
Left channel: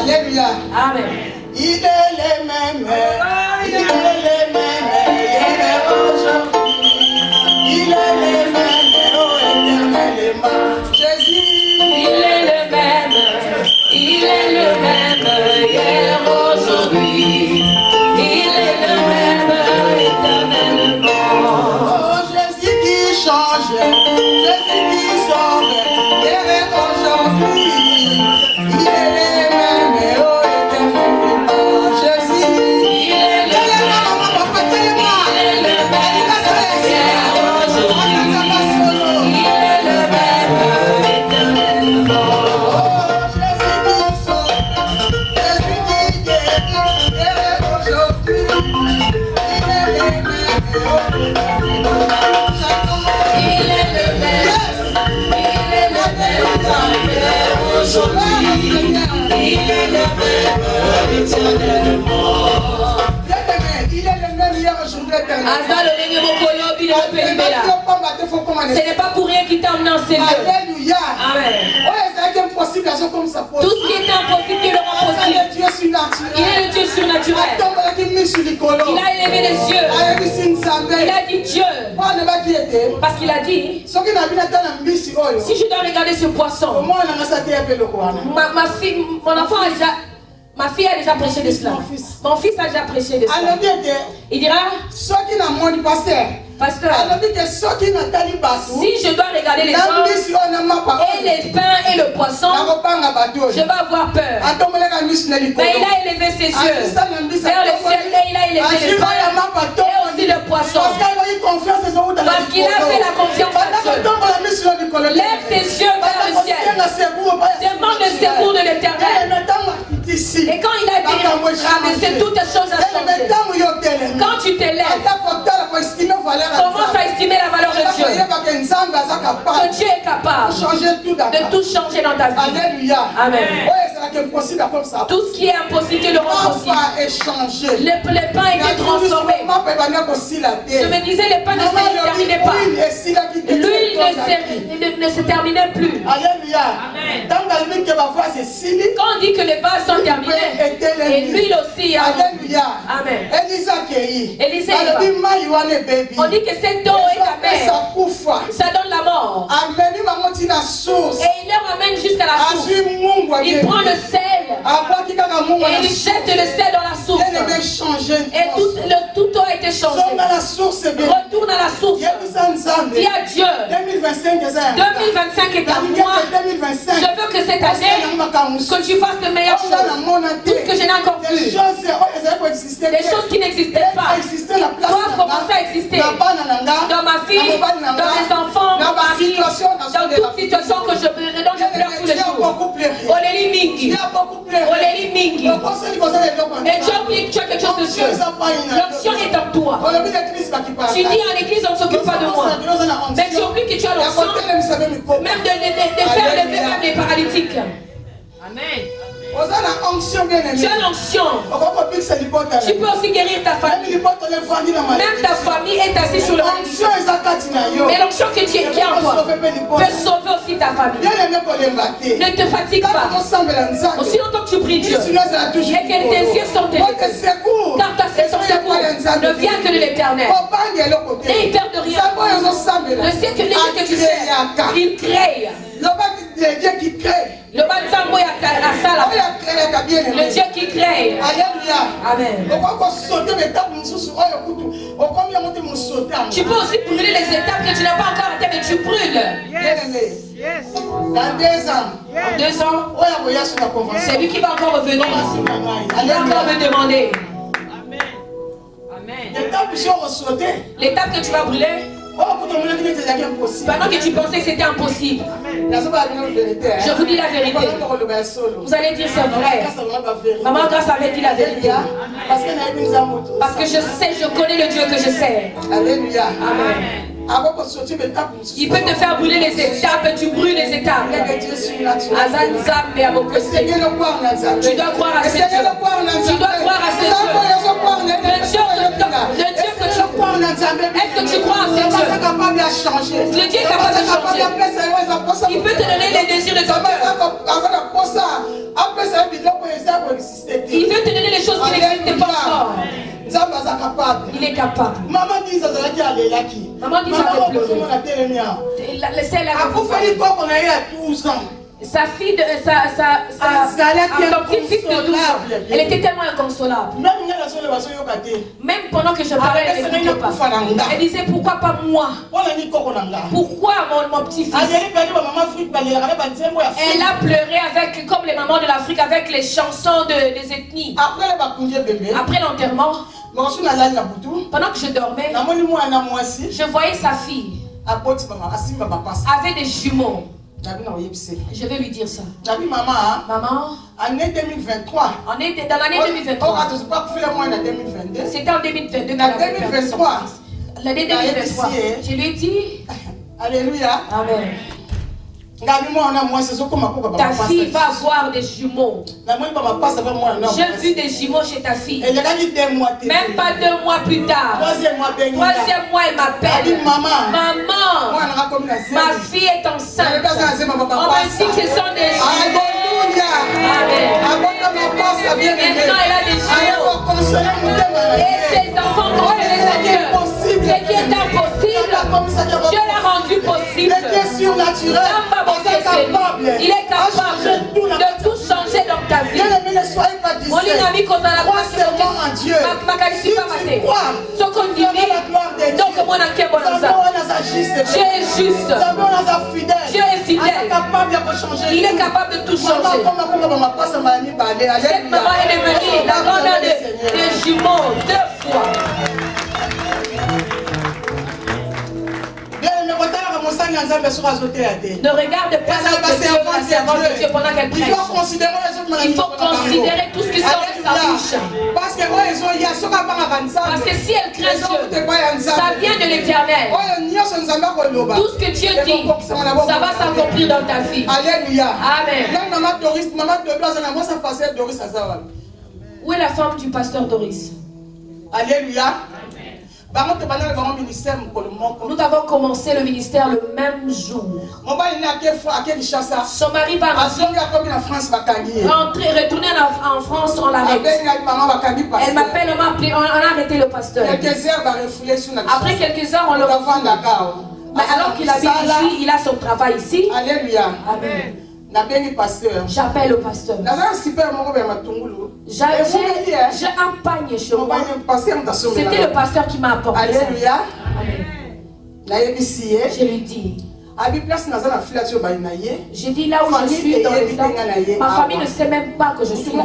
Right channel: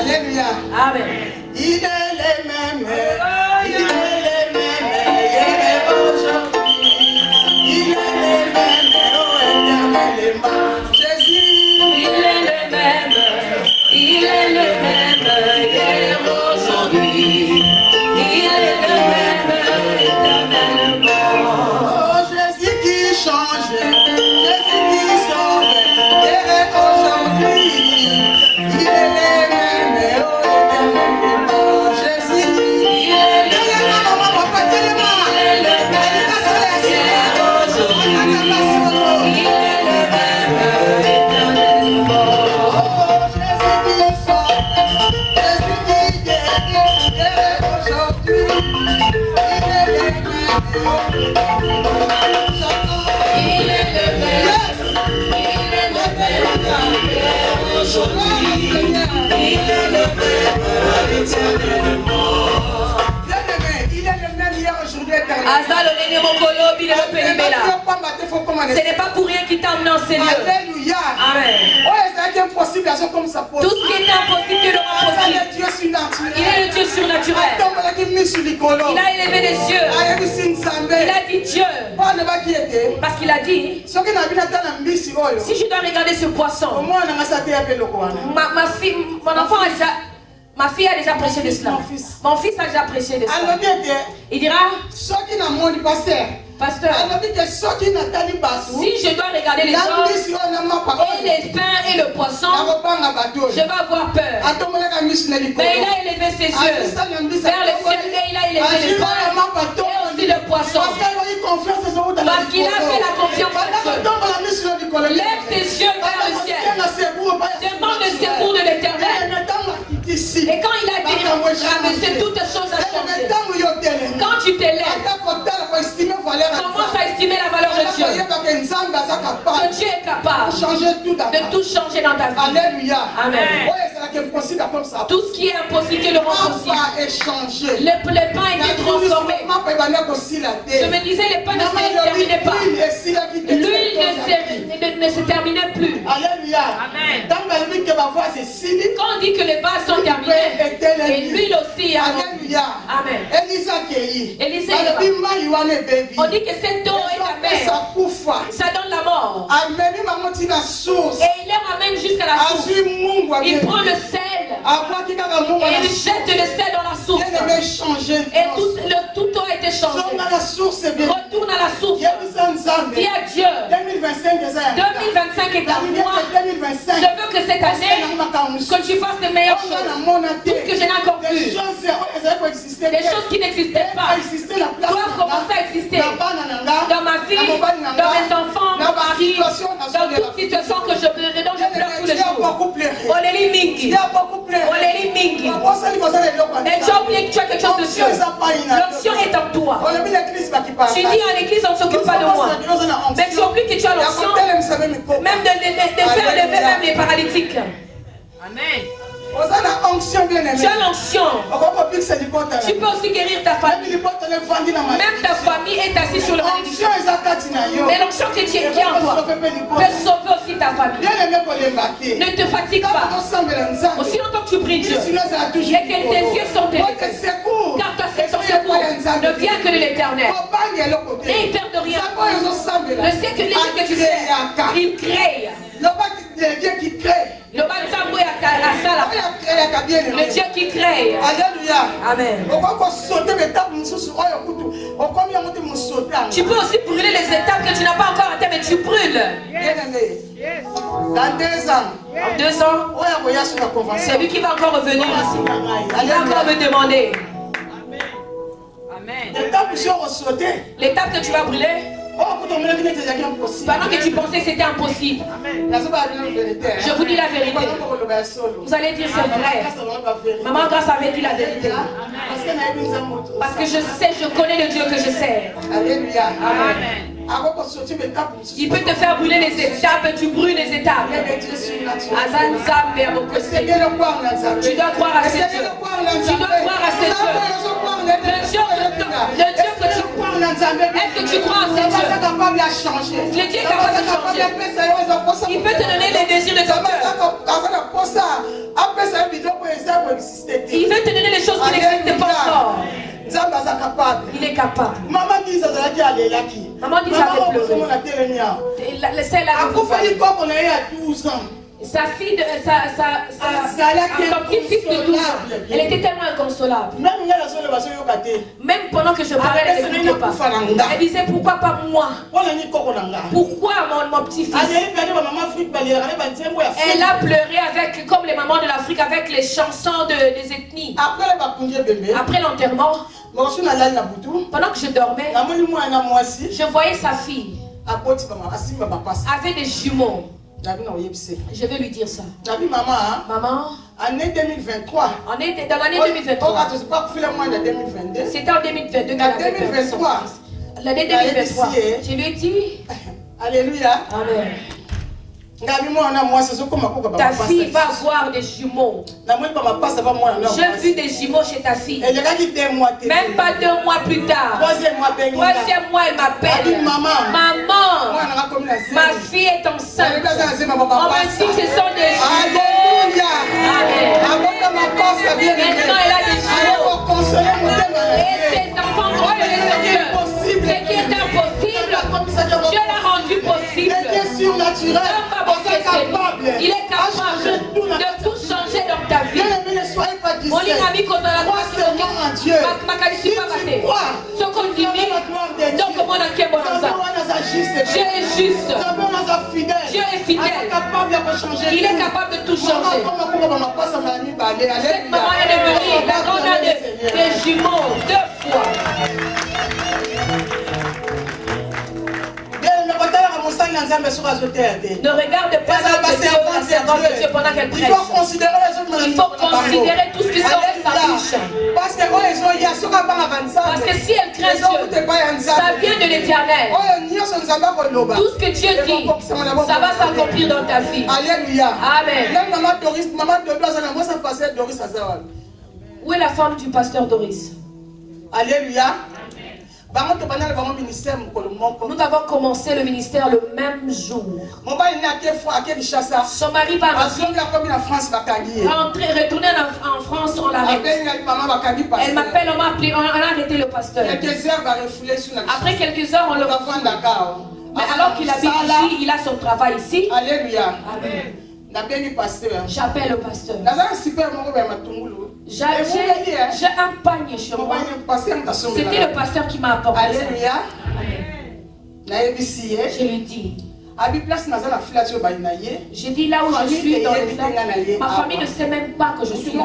Alléluia. Amen. Il est le même. Il est le même. Hier aujourd'hui. Il est le même. Éternellement. Jésus. Il est le même. Il est le même. Hier aujourd'hui. Il est le même. Éternellement. Oh, Jésus qui change. Jésus qui sauve. Hier et aujourd'hui. Il est le même. Oh, éternellement. Jésus. Il est le même. Papa, tellement. Il est le même. Hier aujourd'hui. Il est le même. Éternellement. Oh, Jésus qui sauve. Jésus qui guérit. Hier et aujourd'hui. Il est le même. Il est le même. Il est le même. Hier aujourd'hui. Il est le même. Éternellement. Il est le même hier, aujourd'hui, éternellement. Ce n'est pas pour rien qu'il t'a emmené en ces lieux. Alléluia. Amen. Impossible, comme ça. Tout ce qui était impossible, Dieu le rend possible. Il est le Dieu surnaturel. Il a élevé les yeux. Il a dit Dieu. Parce qu'il a dit, si je dois regarder ce poisson, ma fille a déjà prêché de cela. Mon fils a déjà prêché de cela. Il dira, pasteur, si je dois regarder les gens et les pains et le poisson, je vais avoir peur. Mais il a élevé ses yeux vers le ciel et il a élevé les pains et aussi le poisson. Parce qu'il a fait la confiance à Dieu. Lève tes yeux vers le ciel. Demande le secours de l'Éternel. Et quand il a dit ramasser toutes les choses à changer, quand tu te lèves, commence à estimer la valeur de Dieu. Que Dieu est capable de tout changer dans ta vie. Alléluia. Amen. Tout ce qui est impossible, Dieu le rend possible. Les pains étaient transformés. Je me disais, les pains ne se terminaient pas. L'huile ne ne se terminait plus. Alléluia. Amen. Quand on dit que les vases sont terminés, et l'huile aussi. Alléluia. Amen. Élisée, on dit que cette eau est amère. Ça donne la mort. Et il les ramène jusqu'à la source. Il prend le sel et il jette le sel dans la source. Et tout a été changé. Retourne à la source. Dis à Dieu, 2025 est à moi. Je veux que cette année, que tu fasses de meilleures choses. Tout ce que je n'ai encore vu. Des choses qui n'existaient pas doivent commencer à exister dans ma vie, dans mes enfants, dans ma vie, dans toute situation dont je pleure tous les jours. Oléli Mingi. Oléli Mingi. Et tu as oublié que tu as quelque chose de Dieu. L'onction est en toi. Tu dis à l'église, on ne s'occupe pas de moi. Mais tu oublies que tu as l'onction, même de faire lever même les paralytiques. Amen. Tu as l'onction. Tu peux aussi guérir ta famille. Même ta famille est assise sur le bénédiction. Mais l'onction qui est en toi peut sauver aussi ta famille. Ne te fatigue pas. Aussi longtemps que tu pries Dieu et que tes yeux sont élevés, car ta secours ne vient que de l'Éternel. Et il perd de rien. Le siècle que tu sais, il crée. Le Dieu qui crée. Le Dieu qui crée. Alléluia. Amen. Tu peux aussi brûler les étapes que tu n'as pas encore atteint, mais tu brûles. Dans 2 ans. En 2 ans, c'est lui qui va encore revenir ici. Il va encore me demander. Amen. L'étape que tu vas brûler, pendant que tu pensais que c'était impossible, je vous dis la vérité. Vous allez dire c'est vrai. Maman Grâce avait dit la vérité. Parce que je sais, je connais le Dieu que je sais. Alléluia. Amen. Il peut te faire brûler les étapes, tu brûles les étapes. Tu dois croire à ce Dieu. Tu dois croire à ce Dieu. Le Dieu que tu crois. Est-ce que tu crois à ce Dieu? Le Dieu est capable de changer. Il peut te donner les désirs de ton cœur. Il veut te donner les choses qui n'existent pas encore. Il est capable. Maman dit ça sa fille de son petit-fils de 12 ans, elle était tellement inconsolable. Même pendant que je parlais, elle n'écoutait pas. Elle disait pourquoi pas moi? Pourquoi mon petit-fils? Elle a pleuré avec, comme les mamans de l'Afrique, avec les chansons des ethnies. Après l'enterrement, pendant que je dormais, je voyais sa fille avec des jumeaux. Je vais lui dire ça. Maman, année 2023. Dans l'année 2023. C'était en 2022. L'année 2023. Je lui ai dit. Alléluia. Amen. Ta fille va avoir des jumeaux. J'ai vu des jumeaux chez ta fille. Même pas 2 mois plus tard. 3e mois, elle m'appelle. Maman, ma fille est enceinte. On m'a dit que ce sont des jumeaux. Maintenant, elle a des jumeaux. Et ses enfants comprennent son cœur. Ce qui est impossible, Dieu l'a rendu possible. Il est capable de tout changer dans ta vie. Mon ami, quand on a la Dieu, Dieu est juste. Dieu est fidèle. Il est capable de tout changer. Cette maman est devenue la grande des jumeaux 2 fois. Ne regarde pas la servante de Dieu pendant qu'elle prêche. Il faut considérer tout ce qui sort de sa bouche. Parce que si elle craint Dieu, ça vient de l'Éternel. Tout ce que Dieu dit, ça va s'accomplir dans ta vie. Alléluia. Amen. Où est la femme du pasteur Doris? Alléluia. Nous avons commencé le ministère le même jour. Son mari va retourner en France, on l'arrête. Elle m'appelle, on a arrêté le pasteur. Après quelques heures, on le revoit. Mais alors qu'il habite ici, il a son travail ici. Alléluia. Amen. J'appelle le pasteur. J'ai un panier chez moi. C'était le pasteur qui m'a apporté. Alléluia. Amen. Je lui dis. J'ai dit là où je suis dans le temps, ma famille ne sait même pas que je suis là.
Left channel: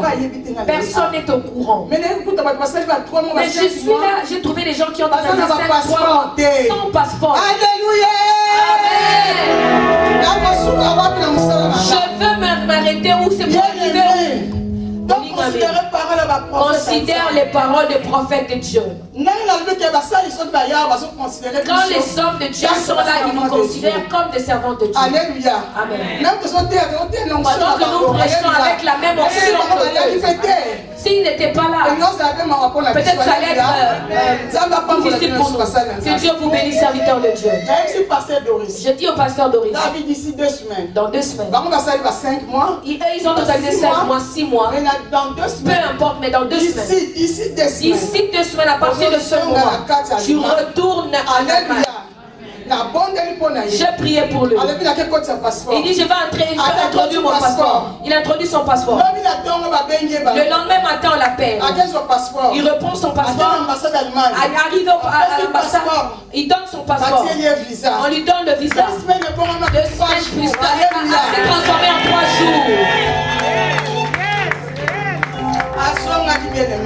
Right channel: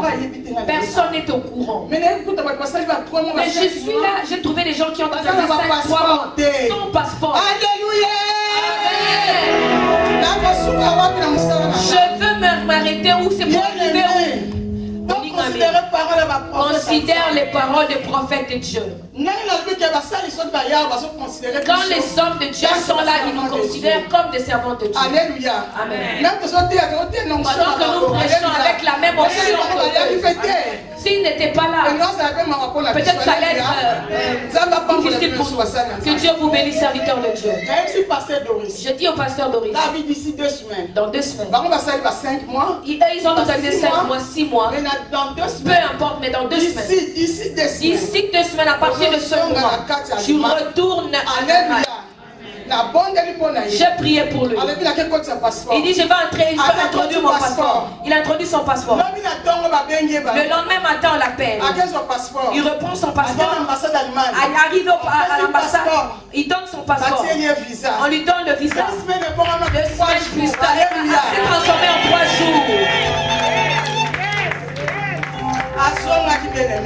Personne n'est au courant. Mais je suis là, j'ai trouvé des gens qui ont traversé 5 mois sans passeport. Alléluia. Je veux m'arrêter où c'est pour arriver où. Considère les paroles des prophètes de Dieu. Quand les hommes de Dieu sont là, ils nous considèrent comme des servants de Dieu. Alléluia. Amen. Pendant que nous prêchons avec la même option que s'il n'était pas là, peut-être ça allait être difficile pour nous. Que Dieu vous bénisse, serviteur de Dieu. Je dis au pasteur Doris, dans 2 semaines, ils ont totalisé 5 mois, 6 mois. Peu importe, mais dans 2 semaines. D'ici 2 semaines, à partir de ce mois, tu retournes en Allemagne. J'ai prié pour lui. Il dit, je vais introduire mon passeport. Il introduit son passeport. Le lendemain matin, on l'appelle. Il reprend son passeport. Il arrive à l'ambassade. Il donne son passeport. On lui donne le visa. 2 semaines plus tard, il s'est transformé en 3 jours.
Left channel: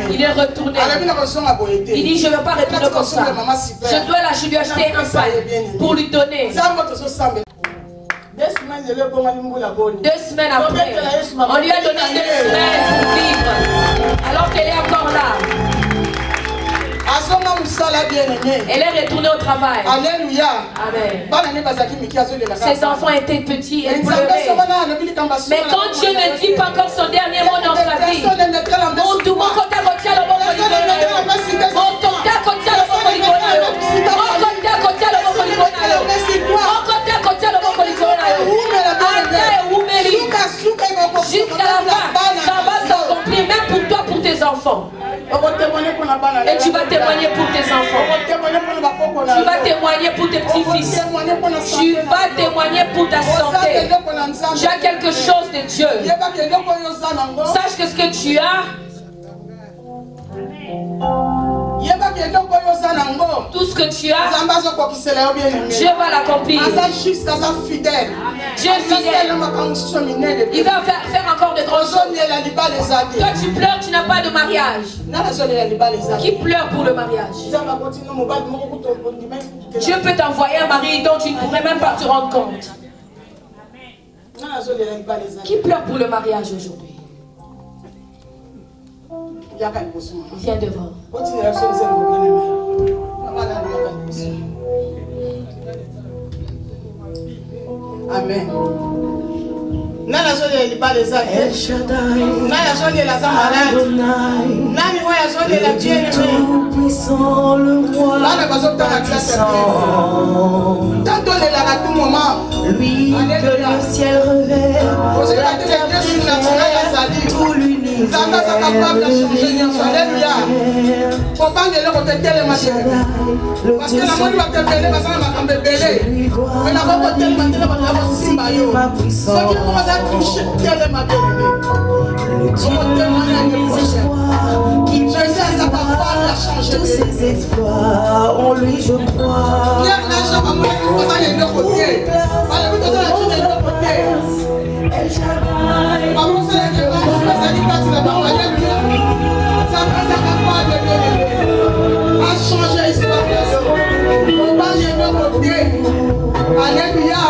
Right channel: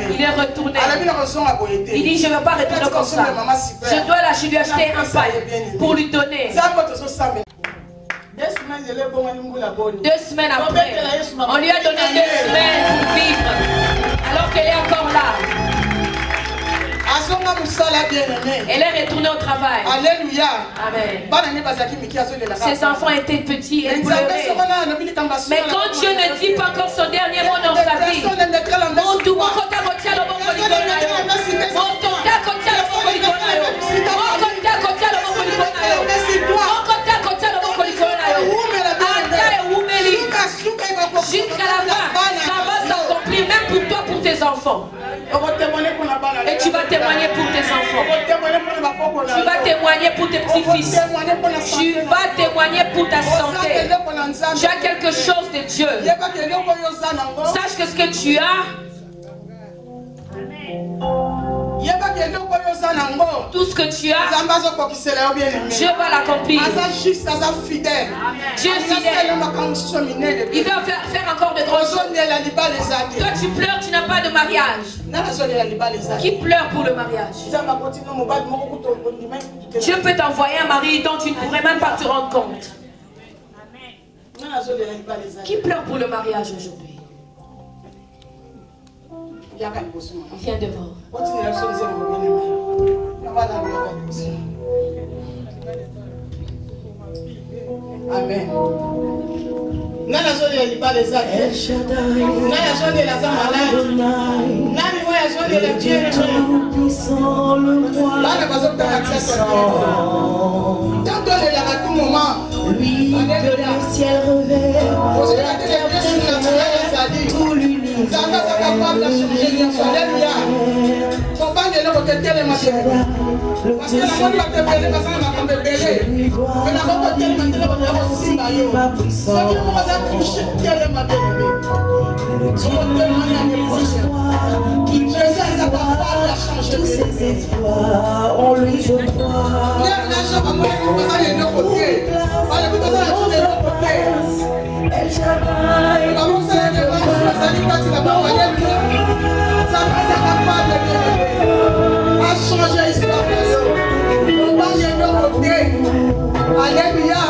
Il est retourné. Il dit, je ne veux pas retourner comme ça. Je lui acheter un pain pour lui donner. 2 semaines après, on lui a donné 2 semaines pour vivre. Alors qu'elle est encore là. Elle est retournée au travail. Alléluia. Amen. Ses enfants étaient petits et pleuraient. Mais quand Dieu ne dit pas encore son dernier mot dans sa vie, jusqu'à la fin, ça va s'accomplir même pour toi, pour tes enfants. Et tu vas témoigner pour tes enfants. Tu vas témoigner pour tes petits-fils. Tu vas témoigner pour ta santé. Tu as quelque chose de Dieu. Sache que ce que tu as, tout ce que tu as, Dieu va l'accomplir. Dieu est fidèle. Il va faire encore de grandes choses. Toi tu pleures, tu n'as pas de mariage. Qui pleure pour le mariage? Dieu peut t'envoyer un mari dont tu ne pourrais même pas te rendre compte. Qui pleure pour le mariage aujourd'hui? Viens devant. Amen. Lui que le ciel revêt, tout l'univers. Tous ses espoirs, en lui je crois. El Shaddai, Alléluia.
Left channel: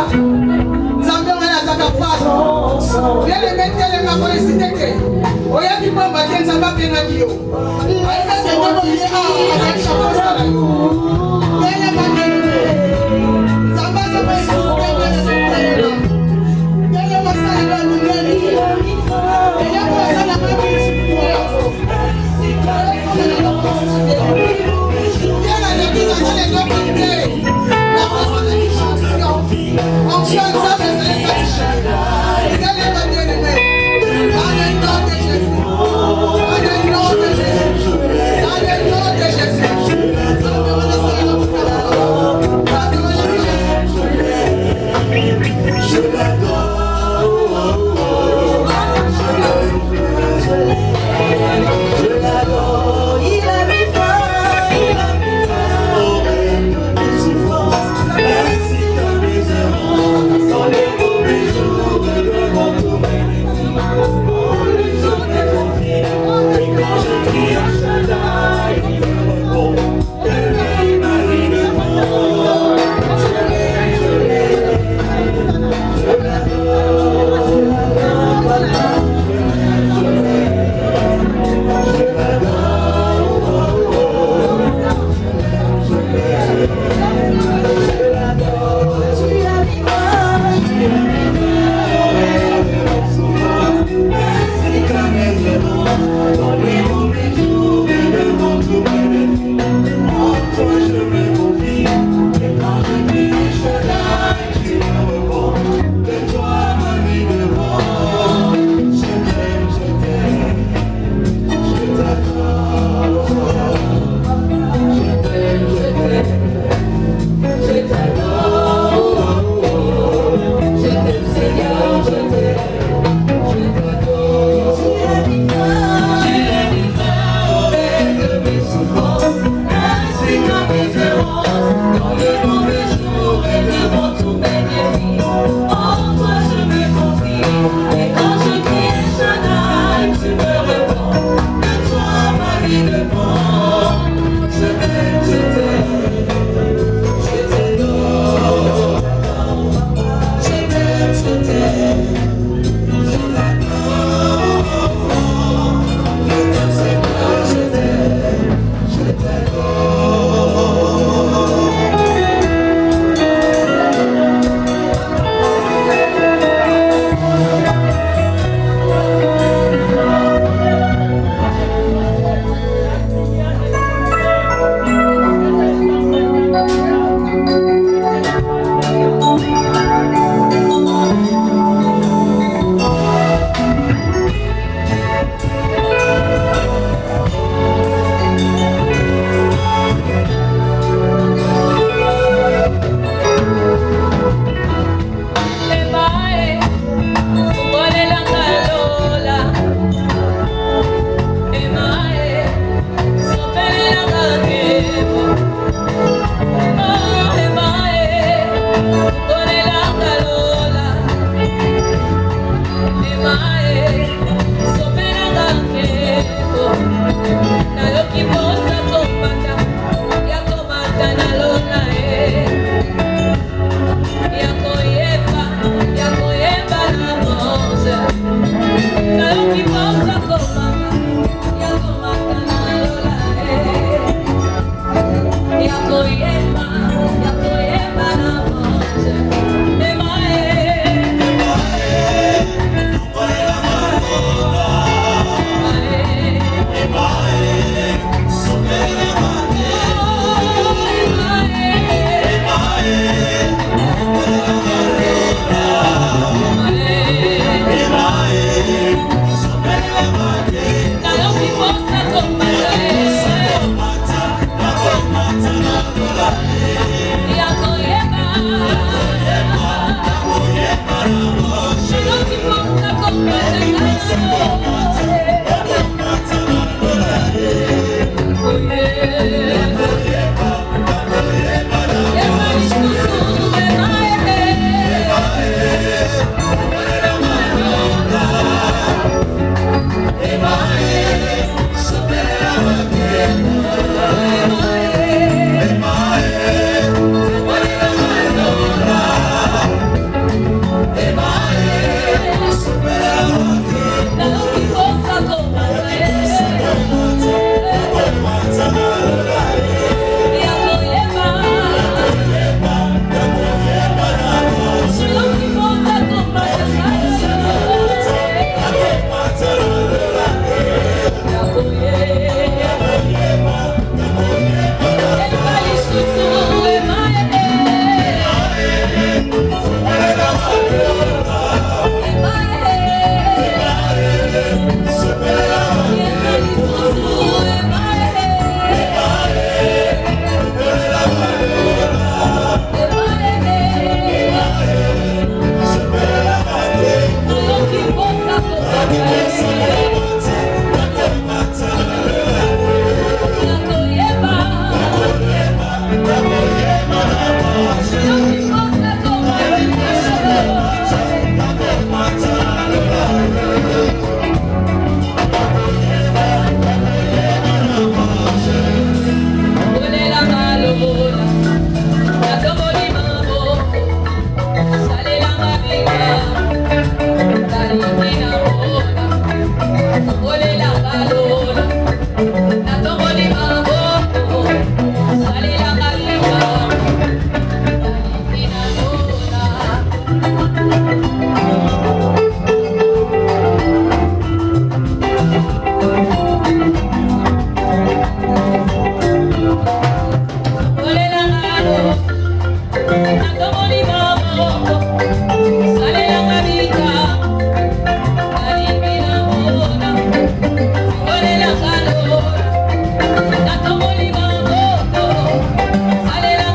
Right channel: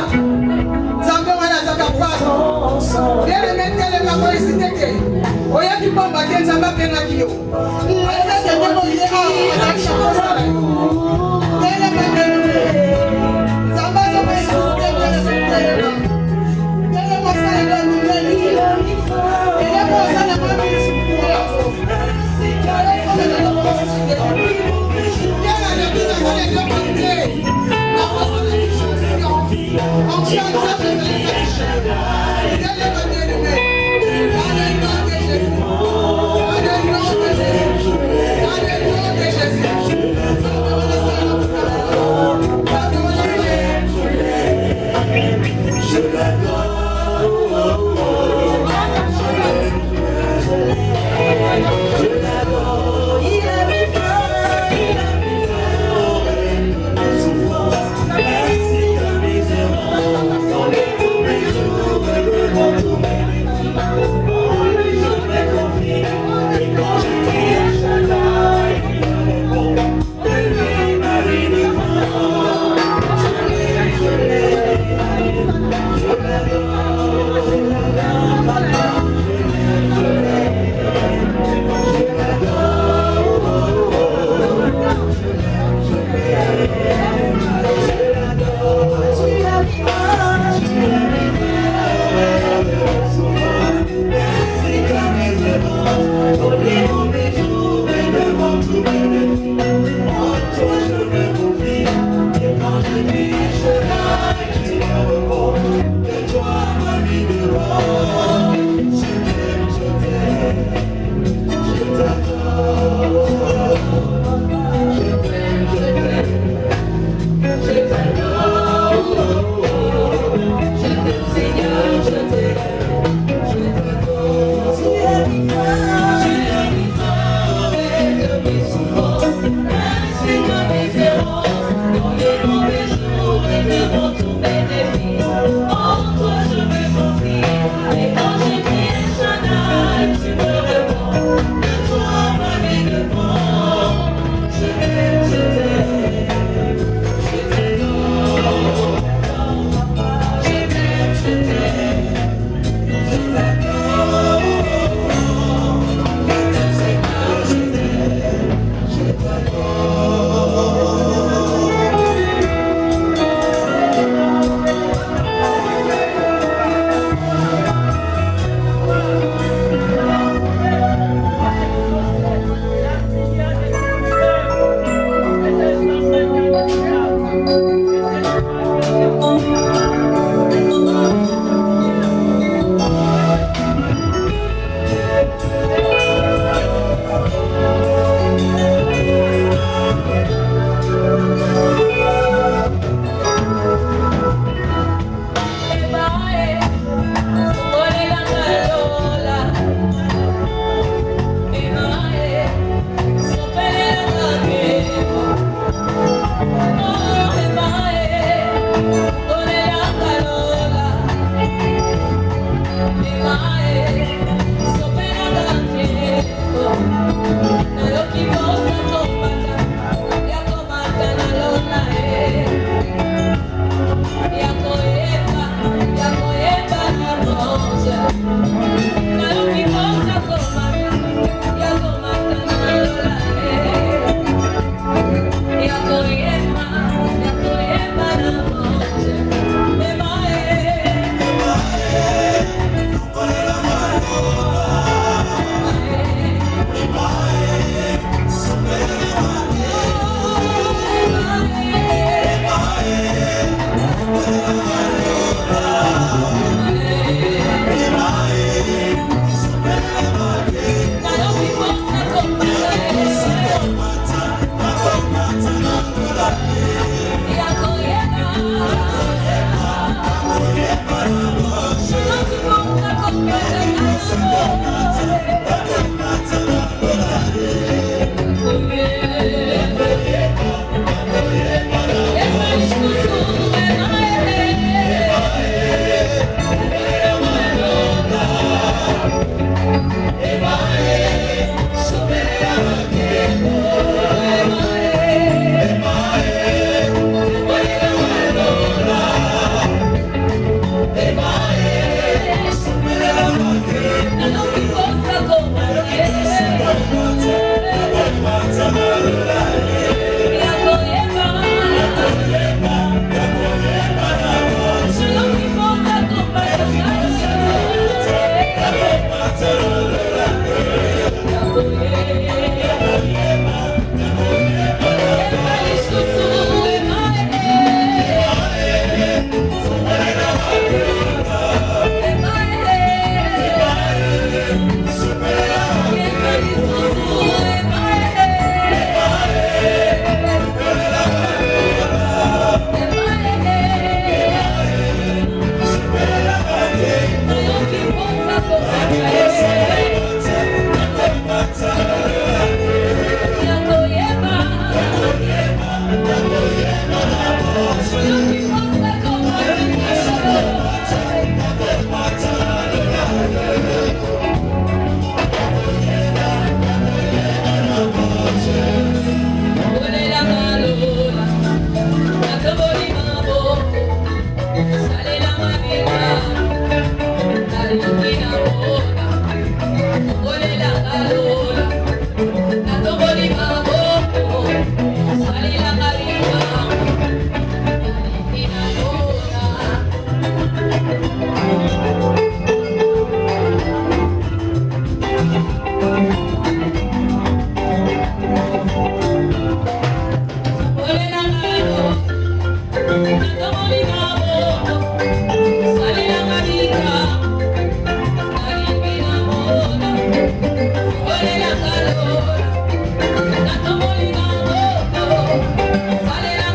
Sale la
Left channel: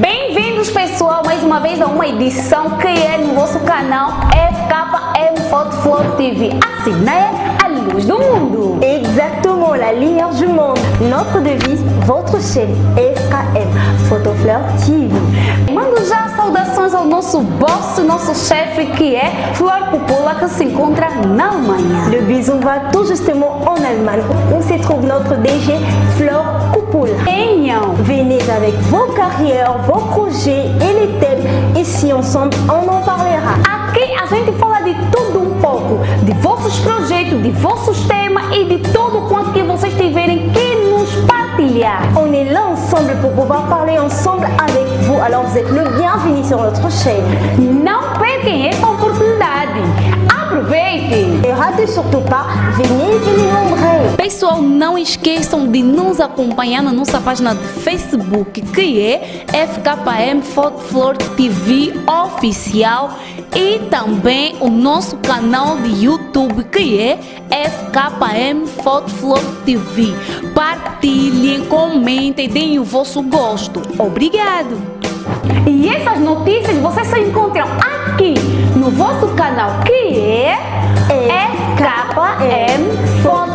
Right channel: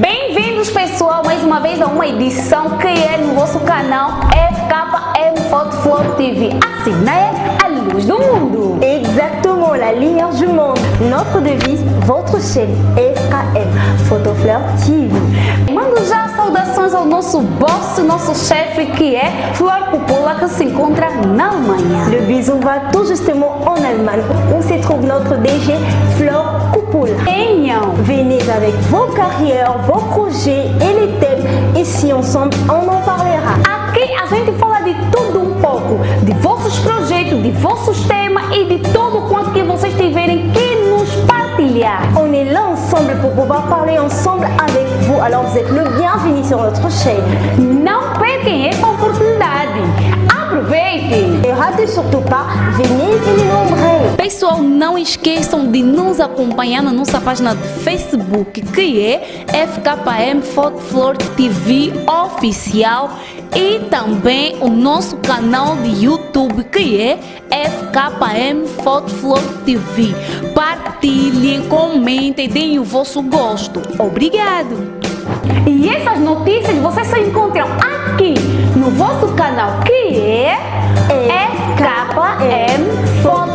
Bem-vindos, pessoal, mais uma vez a uma edição que é no vosso canal FKM Photo Flor TV. Assim, né? A luz do mundo. Exactement, la lumière du monde. Notre devise, votre chaîne FKM Photo Flor TV. Mando já saudações ao nosso boss, nosso chefe, que é Flor Coppola, que se encontra na Alemanha. Le bisou va tout justement en Allemagne, où se trouve notre DG Flor Coppola. Venez avec vos carrières, vos projets et les thèmes. Ici ensemble, on en parlera. Aqui a gente fala de tudo um pouco, de vossos projetos, de vossos temas e de tudo quanto que vocês tiverem que nos partilhar. On est là ensemble pour pouvoir parler ensemble avec vous. Alors vous êtes le bienvenu sur notre chaîne. Não percam essa oportunidade. Aproveitem! Et ratez surtout pas, venez nombreux. Pessoal, não esqueçam de nos acompanhar na nossa página de Facebook, que é FKM Photo Flor TV Oficial, e também o nosso canal de YouTube, que é FKM Photo Flor TV. Partilhem, comentem, deem o vosso gosto. Obrigado! E essas notícias vocês só encontram aqui no vosso canal, que é FKM Photo